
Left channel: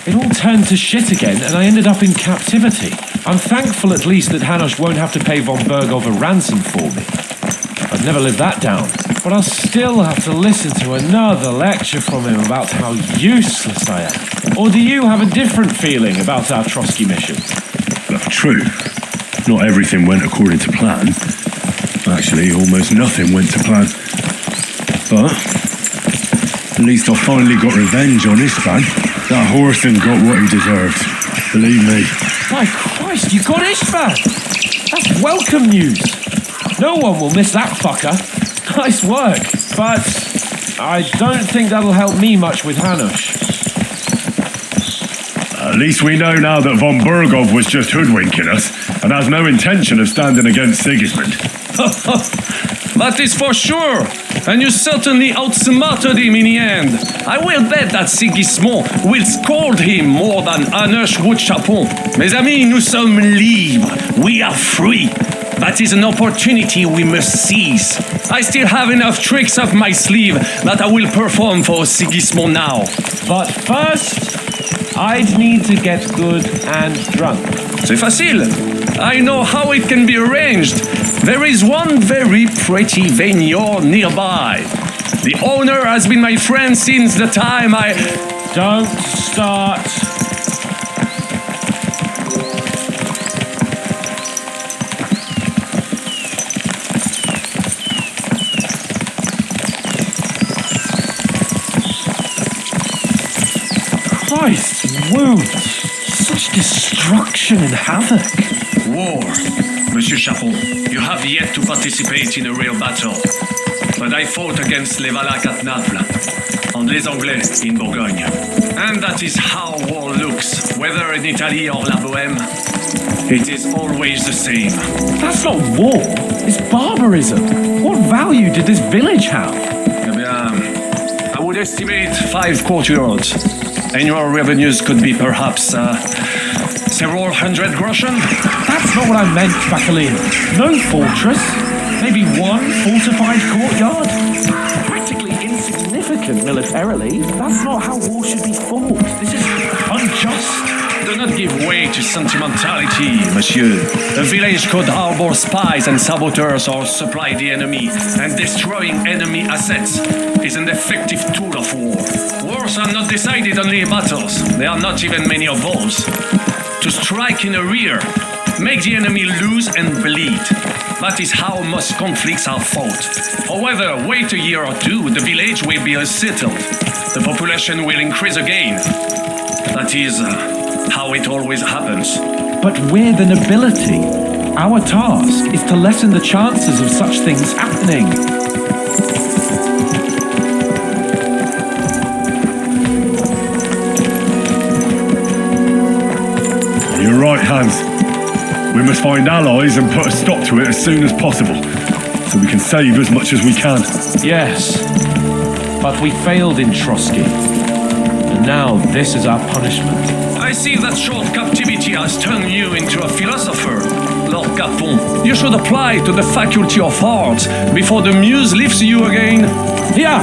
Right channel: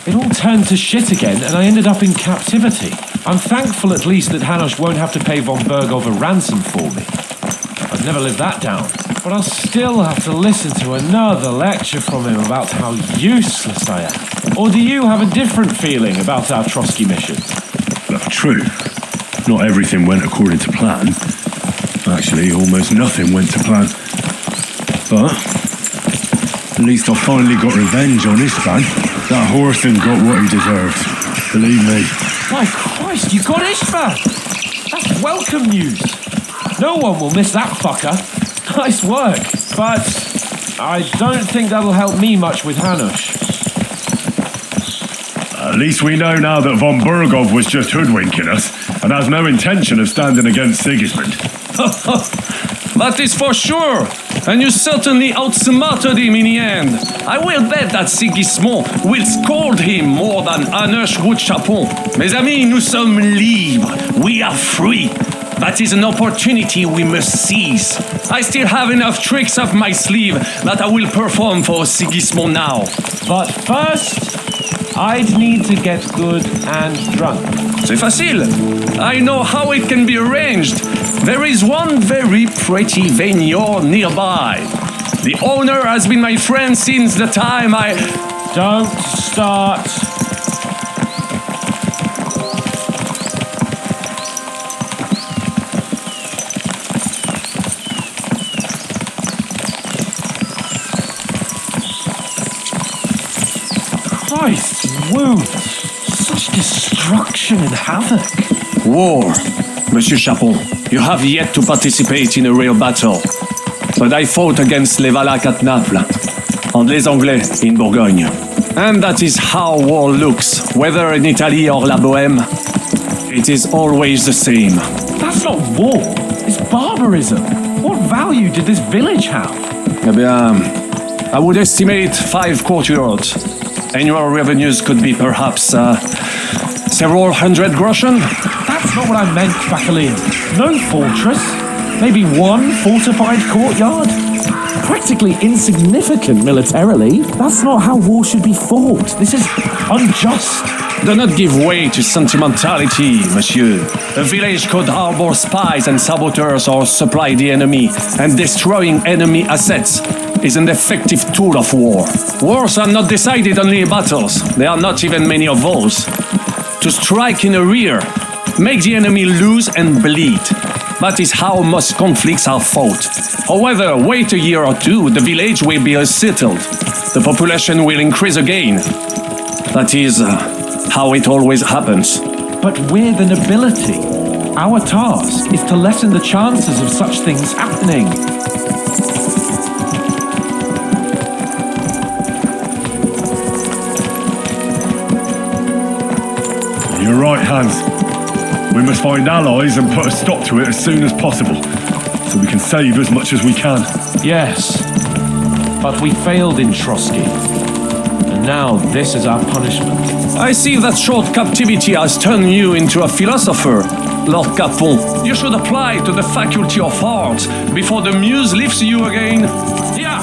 It all turned to shit again, and I ended up in captivity. I'm thankful at least that HANUSH won't have to pay von Berghoff a ransom for me. I'd never live that down. But I'll still have to listen to another lecture from him about how useless I am. Or do you have a different feeling about our Trotsky mission? True. Not everything went according to plan. Actually, almost nothing went to plan. But at least I finally got revenge on Istvan. That Horson got what he deserved. Believe me. My Christ, you got Istvan! That's welcome news. No one will miss that fucker. Nice work. But I don't think that'll help me much with HANUSH. At least we know now that von Berghoff was just hoodwinking us and has no intention of standing against Sigismund. That is for sure. And you certainly outsmarted him in the end. I will bet that Sigismund will scold him more than HANUSH would Chapon. Mes amis, nous sommes libres. We are free. That is an opportunity we must seize. I still have enough tricks up my sleeve that I will perform for Sigismund now. But first, I'd need to get good and drunk. C'est facile. I know how it can be arranged. There is one very pretty vineyard nearby. The owner has been my friend since the time I... Don't start. Christ's wounds. Such destruction and havoc. War, Monsieur Chapon. You have yet to participate in a real battle. But I fought against les Valaques at Naples, and les Anglais in Bourgogne. And that is how war looks, whether in Italy or La Bohème. It is always the same. That's not war. It's barbarism. What value did this village have? Eh bien, I would estimate 5 courtyards. Annual revenues could be perhaps several hundred groschen. That's not what I meant, Bacalin. No fortress. Maybe one fortified courtyard. Practically insignificant militarily. That's not how war should be fought. This is unjust. Do not give way to sentimentality, monsieur. A village could harbor spies and saboteurs or supply the enemy, and destroying enemy assets is an effective tool of war. Wars are not decided only in battles. There are not even many of those. To strike in the rear, make the enemy lose and bleed. That is how most conflicts are fought. However, wait a year or two, the village will be settled. The population will increase again. That is how it always happens. But we're the nobility. Our task is to lessen the chances of such things happening. You're right, Hans. We must find allies and put a stop to it as soon as possible, so we can save as much as we can. Yes, but we failed in Trotsky. And now this is our punishment. I see that short captivity has turned you into a philosopher, Lord Capon. You should apply to the Faculty of Arts before the muse lifts you again. Yeah.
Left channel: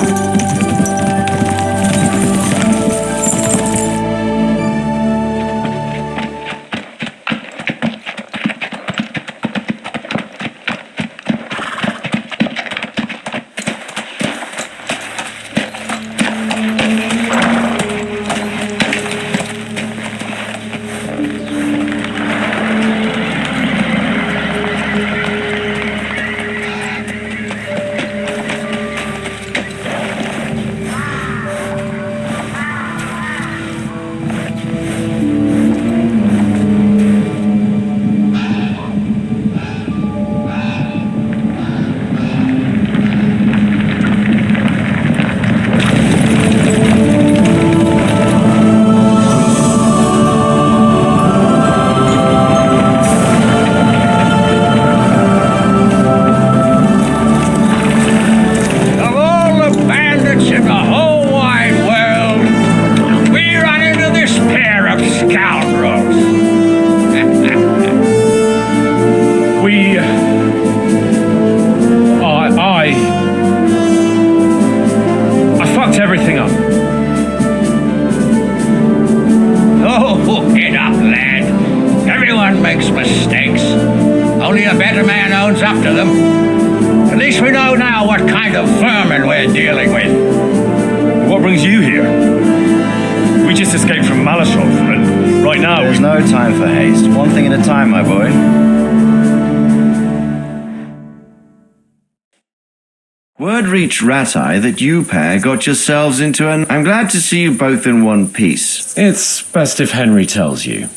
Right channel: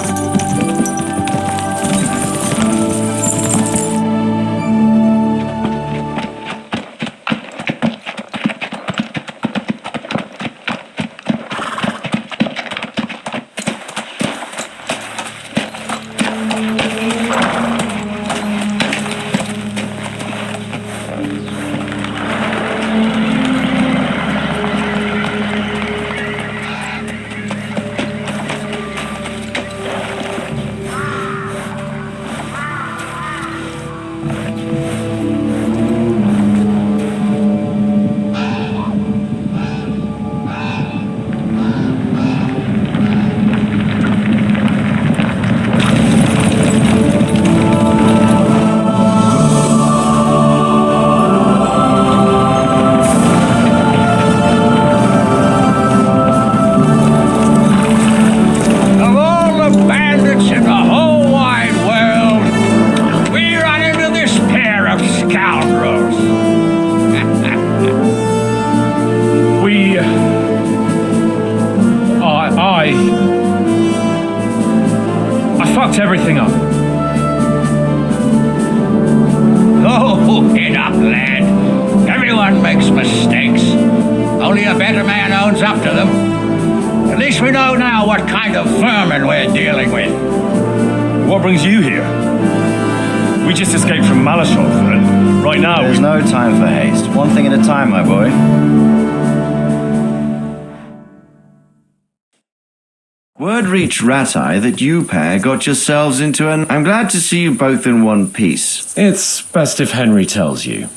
In the whole wide world, we run into this pair of scoundrels. I fucked everything up. Oh, get up, lad. Everyone makes mistakes. Only a better man owns up to them. At least we know now what kind of vermin we're dealing with. What brings you here? We just escaped from Malashov, and right now There's no time for haste. One thing at a time, my boy. Word reached Ratai that you pair got yourselves into an... I'm glad to see you both in one piece. It's best if Henry tells you.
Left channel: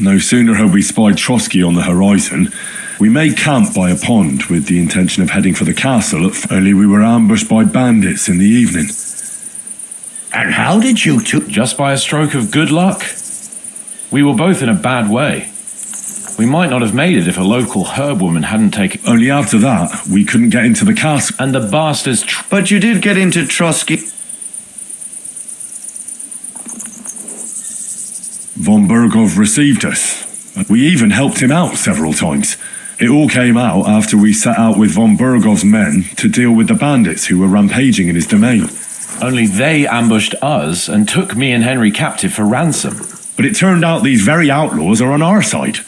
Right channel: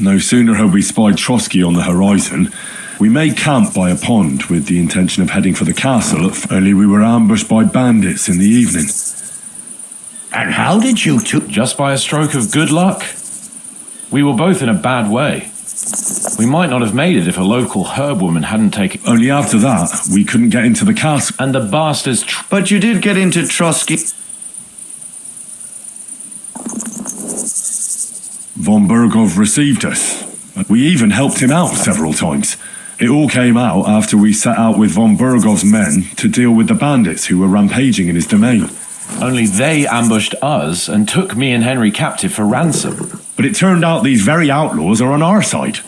No sooner had we spied Trotsky on the horizon, we made camp by a pond with the intention of heading for the castle, only we were ambushed by bandits in the evening. And how did you two... Just by a stroke of good luck. We were both in a bad way. We might not have made it if a local herb woman hadn't taken... Only after that, we couldn't get into the castle. And the bastards... But you did get into Trotsky... Von Bergov received us. We even helped him out several times. It all came out after we set out with von Bergov's men to deal with the bandits who were rampaging in his domain. Only they ambushed us and took me and Henry captive for ransom. But it turned out these very outlaws are on our side.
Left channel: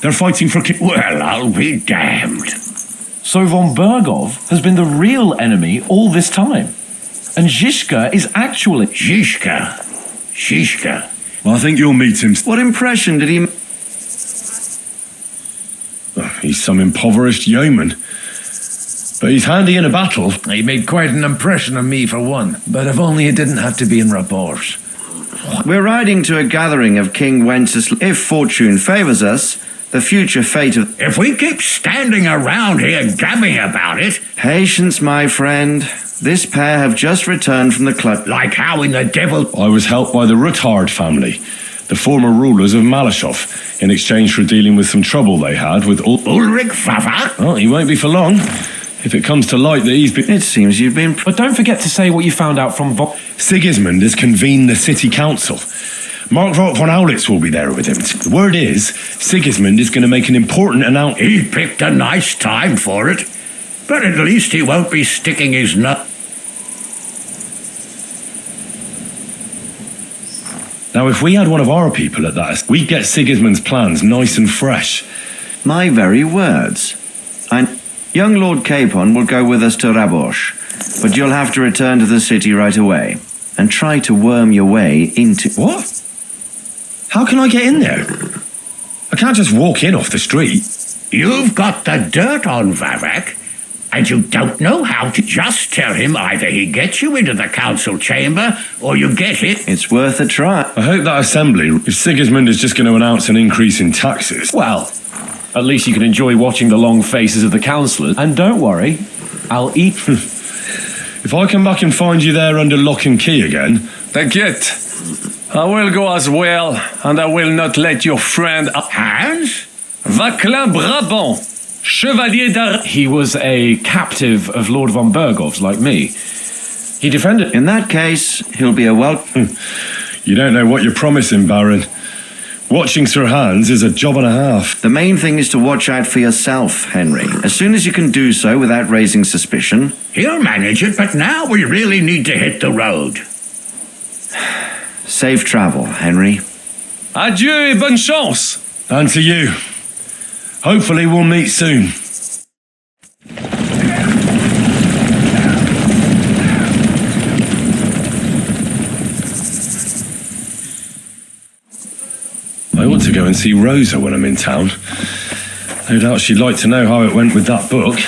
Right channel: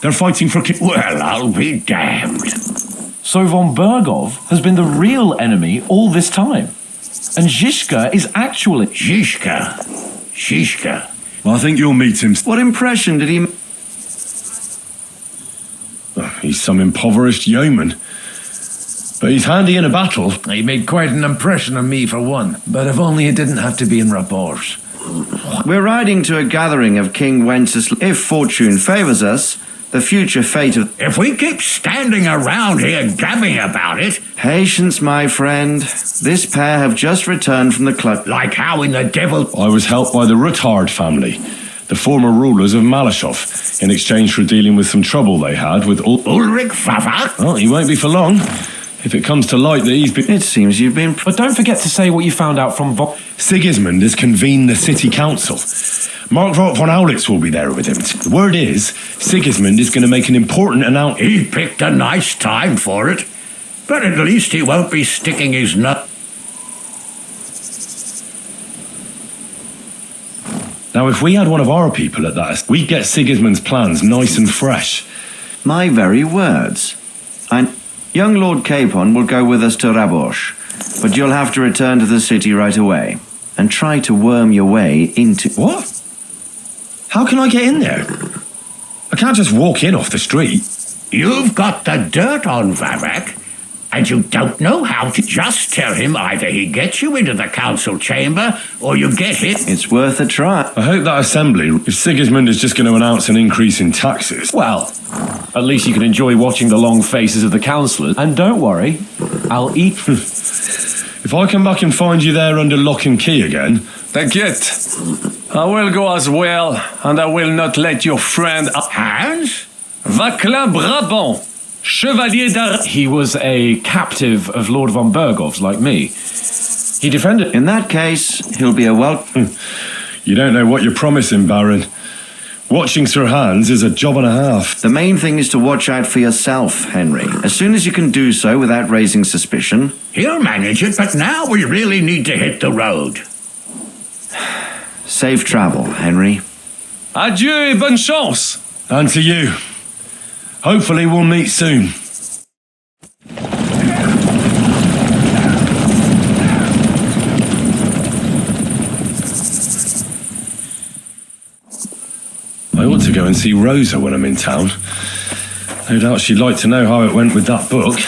They're fighting for... Well, I'll be damned. So von Bergov has been the real enemy all this time. And Zhishka is actually... Zhishka. Well, I think you'll meet him. What impression did he... He's some impoverished yeoman. But he's handy in a battle. He made quite an impression on me, for one. But if only it didn't have to be in rapport. We're riding to a gathering of King Wenceslas. If fortune favors us, the future fate of... If we keep standing around here gabbing about it... Patience, my friend. This pair have just returned from the club. Like how in the devil... I was helped by the Ruthard family, the former rulers of Malashov, in exchange for dealing with some trouble they had with Ulrich Favak? Well, he won't be for long. If it comes to light that he's been... It seems you've been... But don't forget to say what you found out from Sigismund has convened the city council. Markvart von Aulitz will be there with him. The word is, Sigismund is going to make an important announcement. He picked a nice time for it. But at least he won't be sticking his nut... Now, if we had one of our people at that, we'd get Sigismund's plans nice and fresh. My very words. Young Lord Capon will go with us to Rabosh, but you'll have to return to the city right away and try to worm your way into... What? How can I get in there? I can't just walk in off the street. You've got the dirt on Vavak, and you don't know how to just tell him either he gets you into the council chamber or you get hit. It's worth a try. I hope that assembly, if Sigismund is just going to announce an increase in taxes... Well, at least you can enjoy watching the long faces of the councillors. And don't worry, I'll eat... If I come back and find you there under lock and key again... T'inquiète, I will go as well, and I will not let your friend... Hans? Vaclain Brabant, Chevalier d'Ar... He was a captive of Lord von Bergov's, like me. He defended... In that case, he'll be a welcome... You don't know what you're promising, Baron. Watching Sir Hans is a job and a half. The main thing is to watch out for yourself, Henry. As soon as you can do so without raising suspicion... He'll manage it, but now we really need to hit the road. Safe travel, Henry. Adieu et bonne chance! And to you. Hopefully we'll meet soon. I ought to go and see Rosa when I'm in town. No doubt she'd like to know how it went with that book.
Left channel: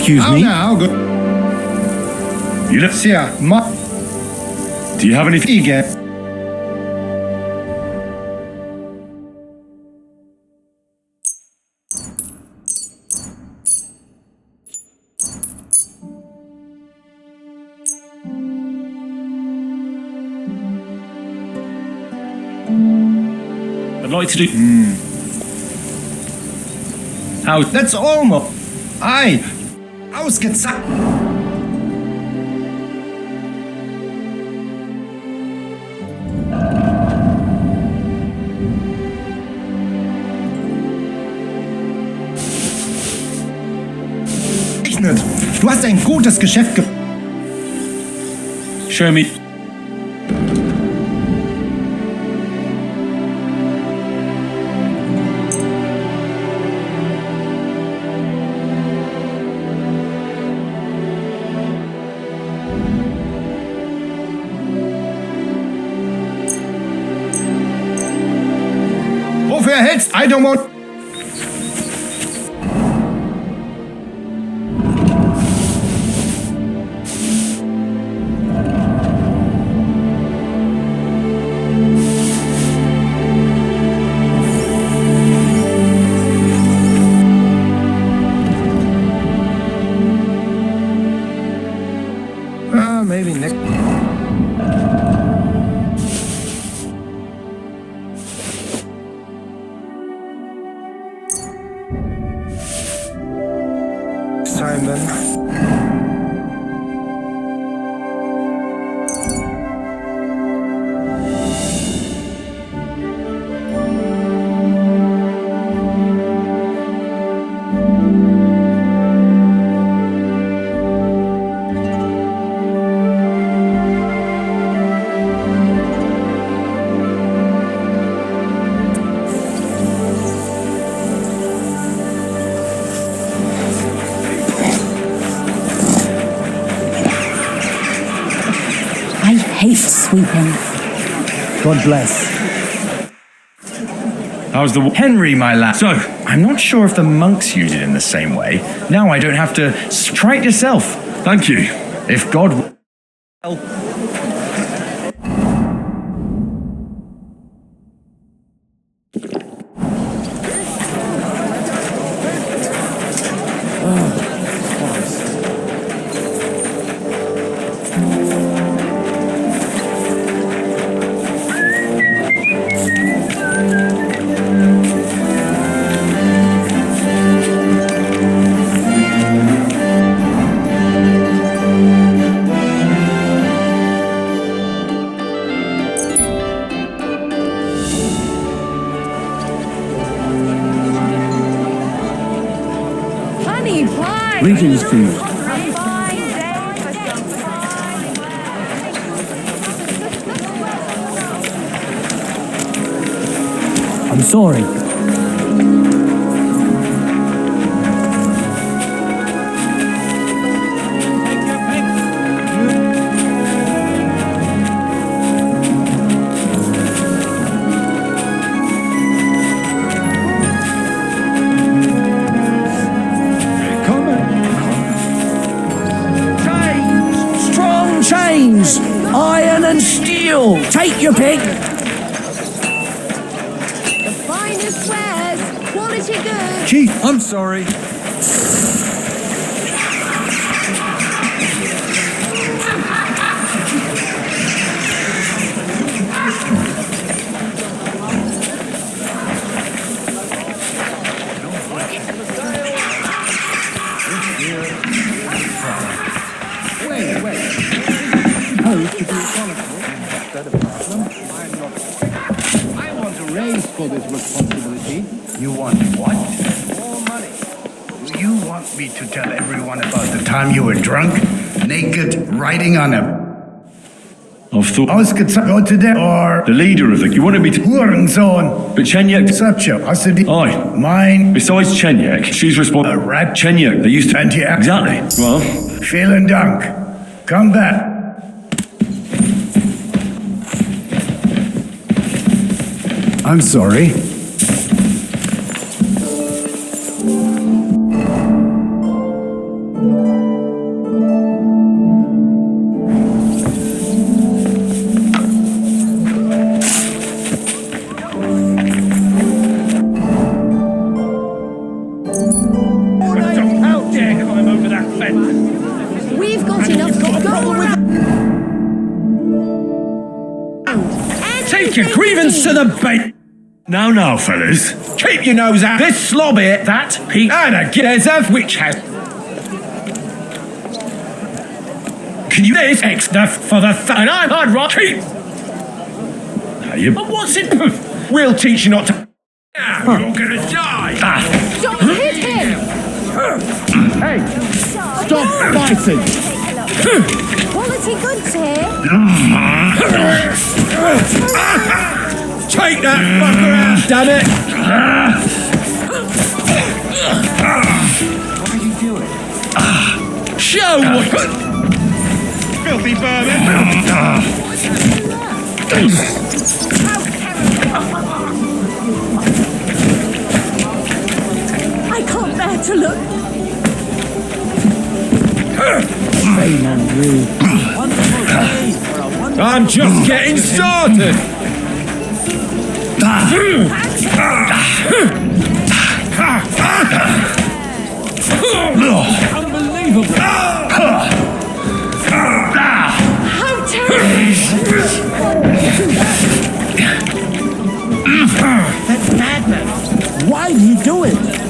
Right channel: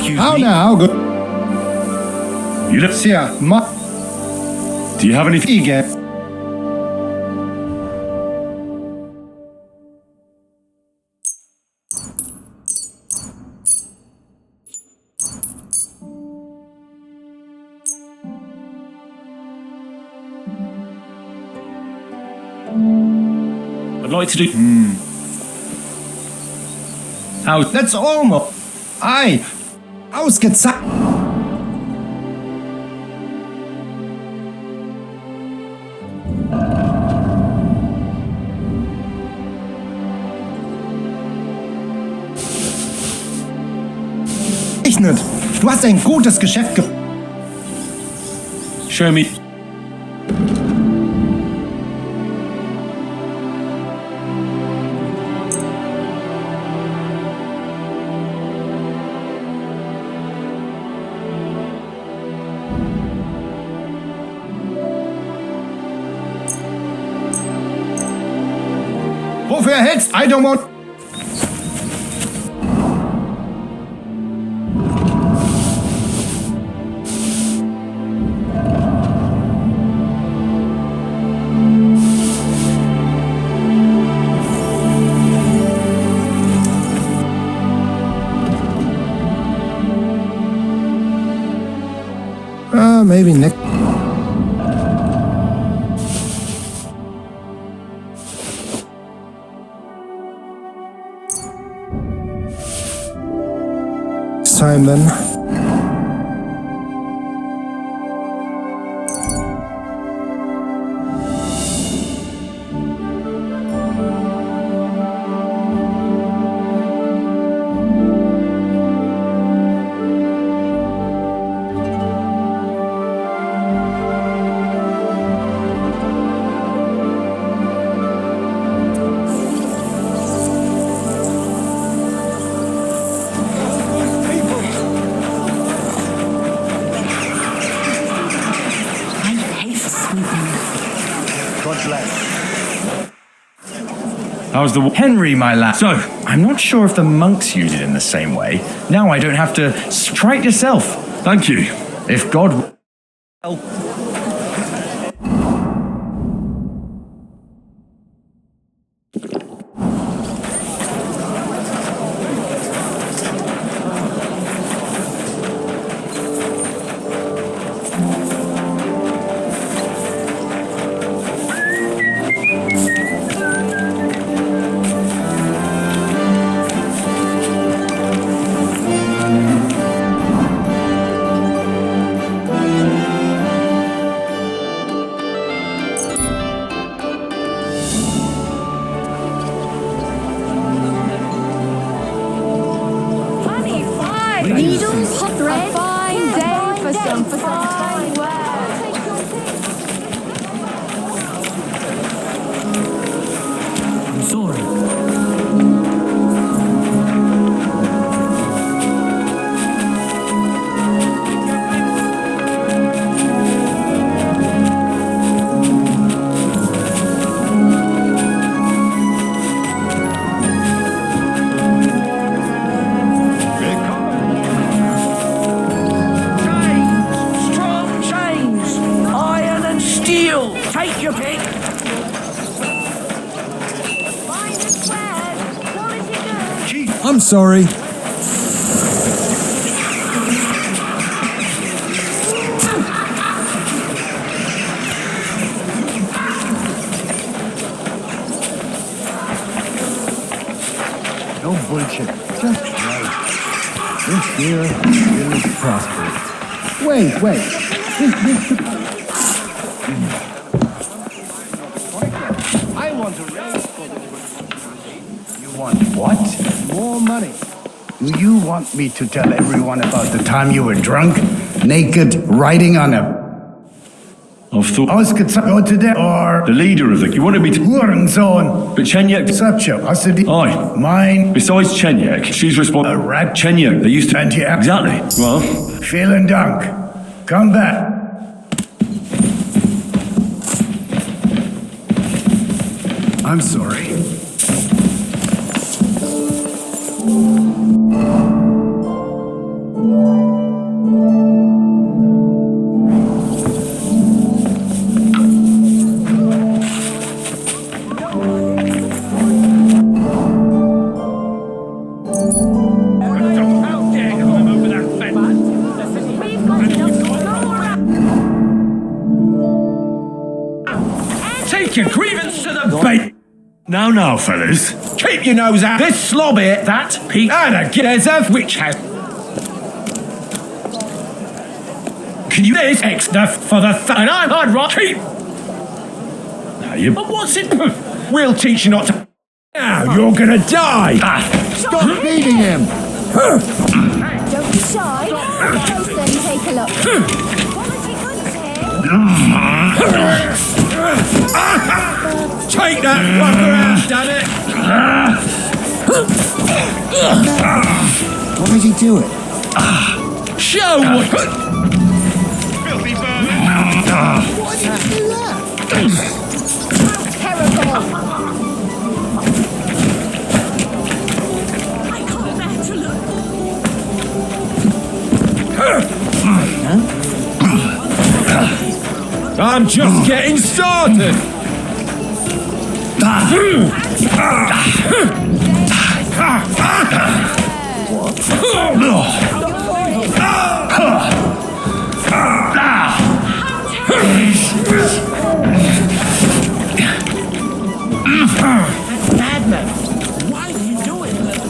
Excuse me? Now, good. You look... Do you have anything? I'd like to do... How? That's almost... Ausgezeichnet. Du hast ein gutes Geschäft ge... Show me... Wofür hältst? I don't want... Maybe next... Simon. God bless. How's the... Henry, my lad. So? I'm not sure if the monks use it in the same way. Now I don't have to... Try it yourself. Thank you. If God... Well... Greetings, please. I'm sorry. Strong chains, iron and steel. Take your pick. Chief, I'm sorry. No bullshit. Wait. I want to raise for this responsibility. You want what? More money. Do you want me to tell everyone about the time you were drunk, naked, riding on a... I've thought... Go to the... or... The leader of the... You wanted me to... Hurensohn. But Chenyek... Sapcho. Aye. Mine. Besides Chenyek, she's responsible... A rat. Chenyek, they used to... And yeah. Exactly. Well... Vielen Dank. Come back. I'm sorry. How dare climb over that fence? We've got Take your grievance to the bait. Now, fellas. Keep your nose out. This slob here, that Pete, and a there's a witch house. Can you this extra for the and I'm hard rock. Keep. Now you... But what's it? We'll teach you not to. Now you're gonna die. Stop beating him. Hey, Stop fighting. take that fucker out, damn it! What is he doing? Show what. Filthy vermin! I can't bear to look. I'm just getting started! That's madness. Why are you doing it?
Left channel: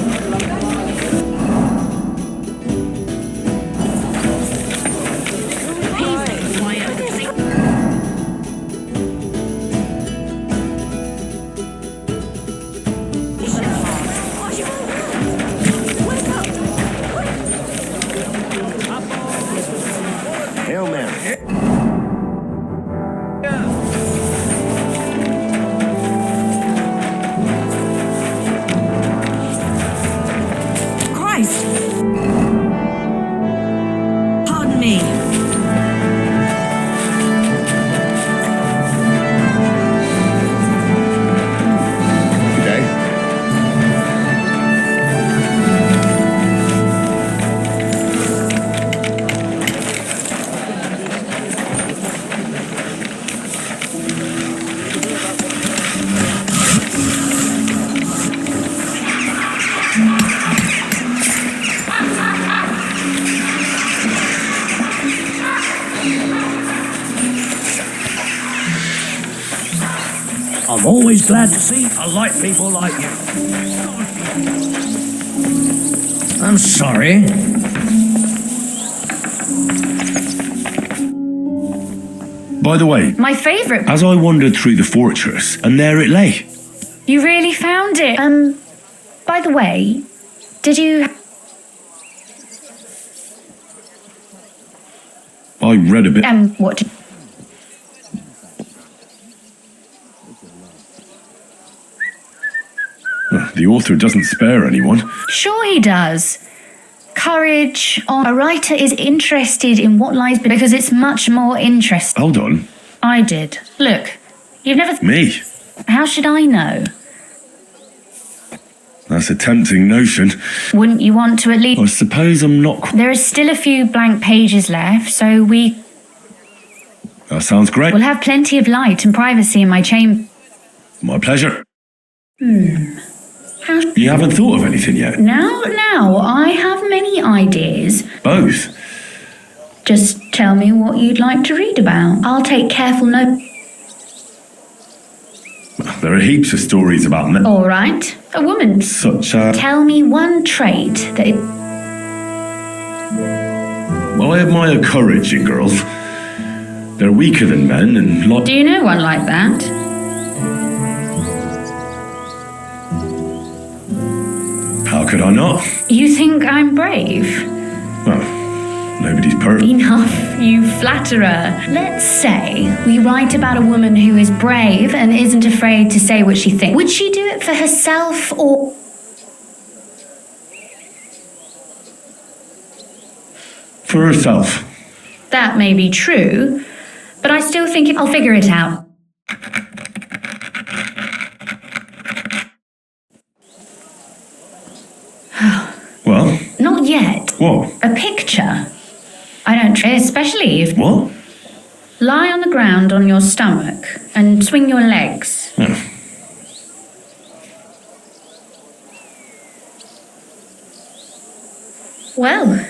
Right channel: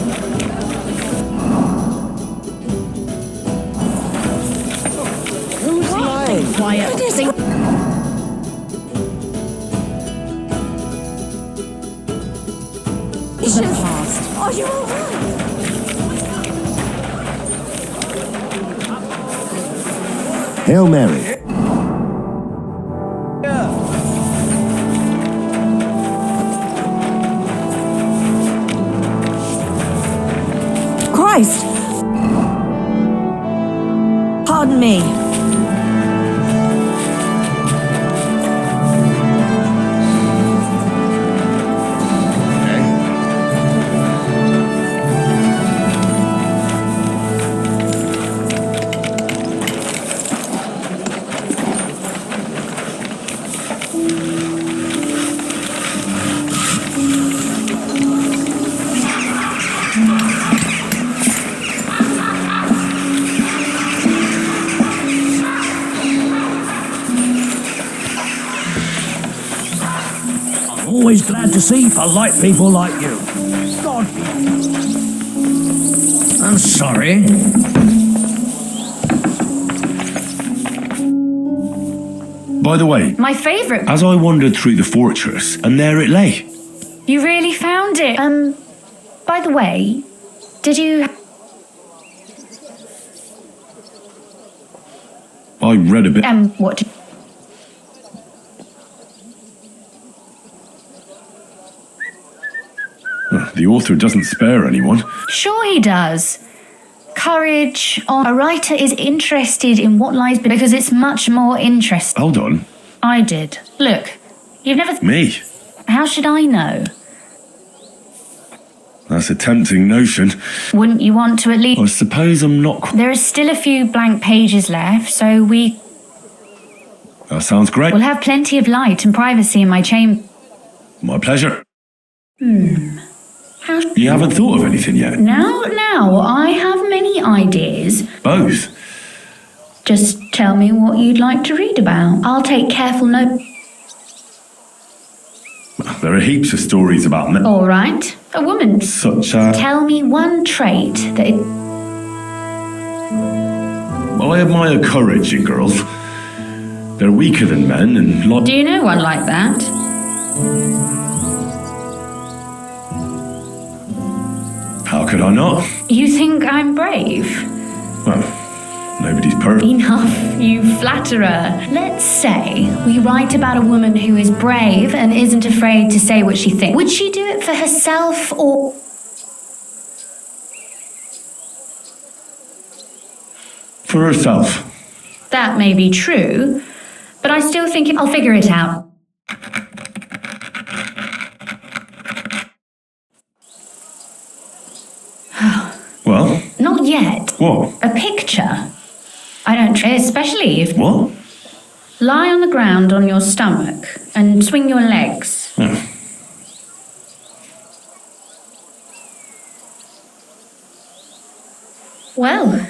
Are you all right? Wake up. Hail Mary. Christ! Pardon me. I'm always glad to see polite people like you. God. I'm sorry. By the way, My favourite. as I wandered through the fortress, and there it lay. You really found it. By the way, did you... I read a bit. What did... The author doesn't spare anyone. Sure he does. Courage. A writer is interested in what lies because it's much more interesting. Hold on. I did. Look, you've never... Me? How should I know? That's a tempting notion. Wouldn't you want to at least... I suppose I'm not... There are still a few blank pages left, so we... That sounds great. We'll have plenty of light and privacy in my chamber. My pleasure. How... You haven't thought of anything yet? Now, I have many ideas. Both? Just tell me what you'd like to read about. I'll take careful note. There are heaps of stories about men. All right. A woman. Such a... Tell me one trait that it... Well, I admire courage in girls. They're weaker than men and like... Do you know one like that? How could I not? You think I'm brave? Well, nobody's perfect. Enough, you flatterer. Let's say we write about a woman who is brave and isn't afraid to say what she thinks. Would she do it for herself or... For herself. That may be true, but I still think I'll figure it out. Well? Not yet. What? A picture. I don't try, especially if... What? Lie on the ground on your stomach and swing your legs. Yeah. Well,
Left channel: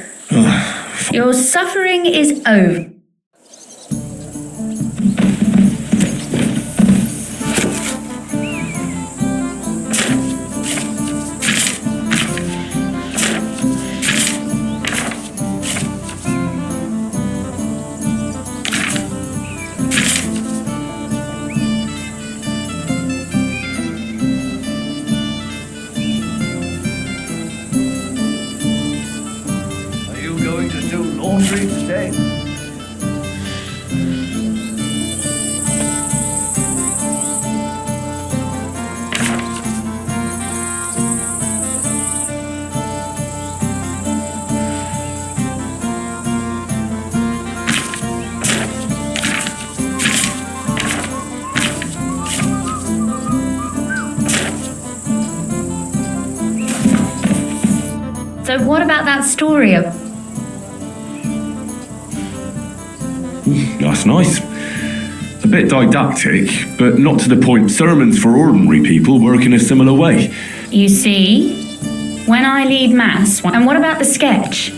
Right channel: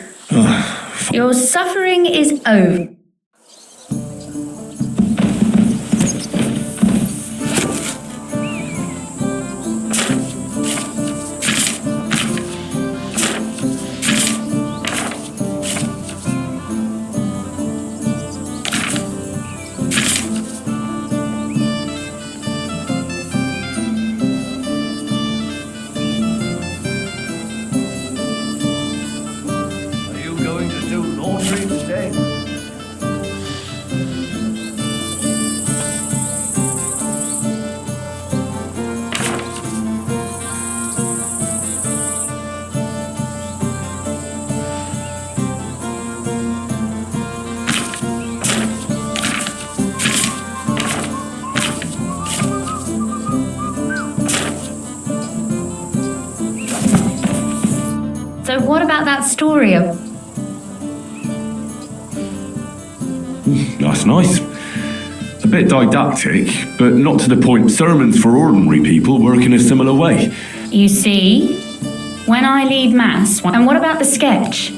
your suffering is over. Going to do laundry today? So what about that story of... That's nice. A bit didactic, but not to the point. Sermons for ordinary people work in a similar way. You see, when I lead mass... And what about the sketch?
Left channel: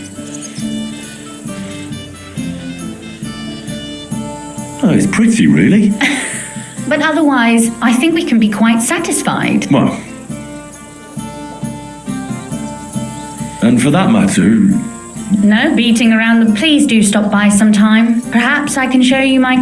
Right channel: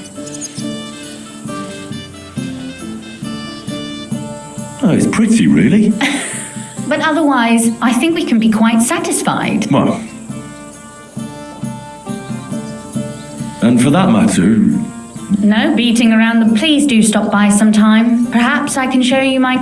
Oh, it's pretty, really. But otherwise, I think we can be quite satisfied. Well. And for that matter... No beating around the... Please do stop by sometime. Perhaps I can show you my...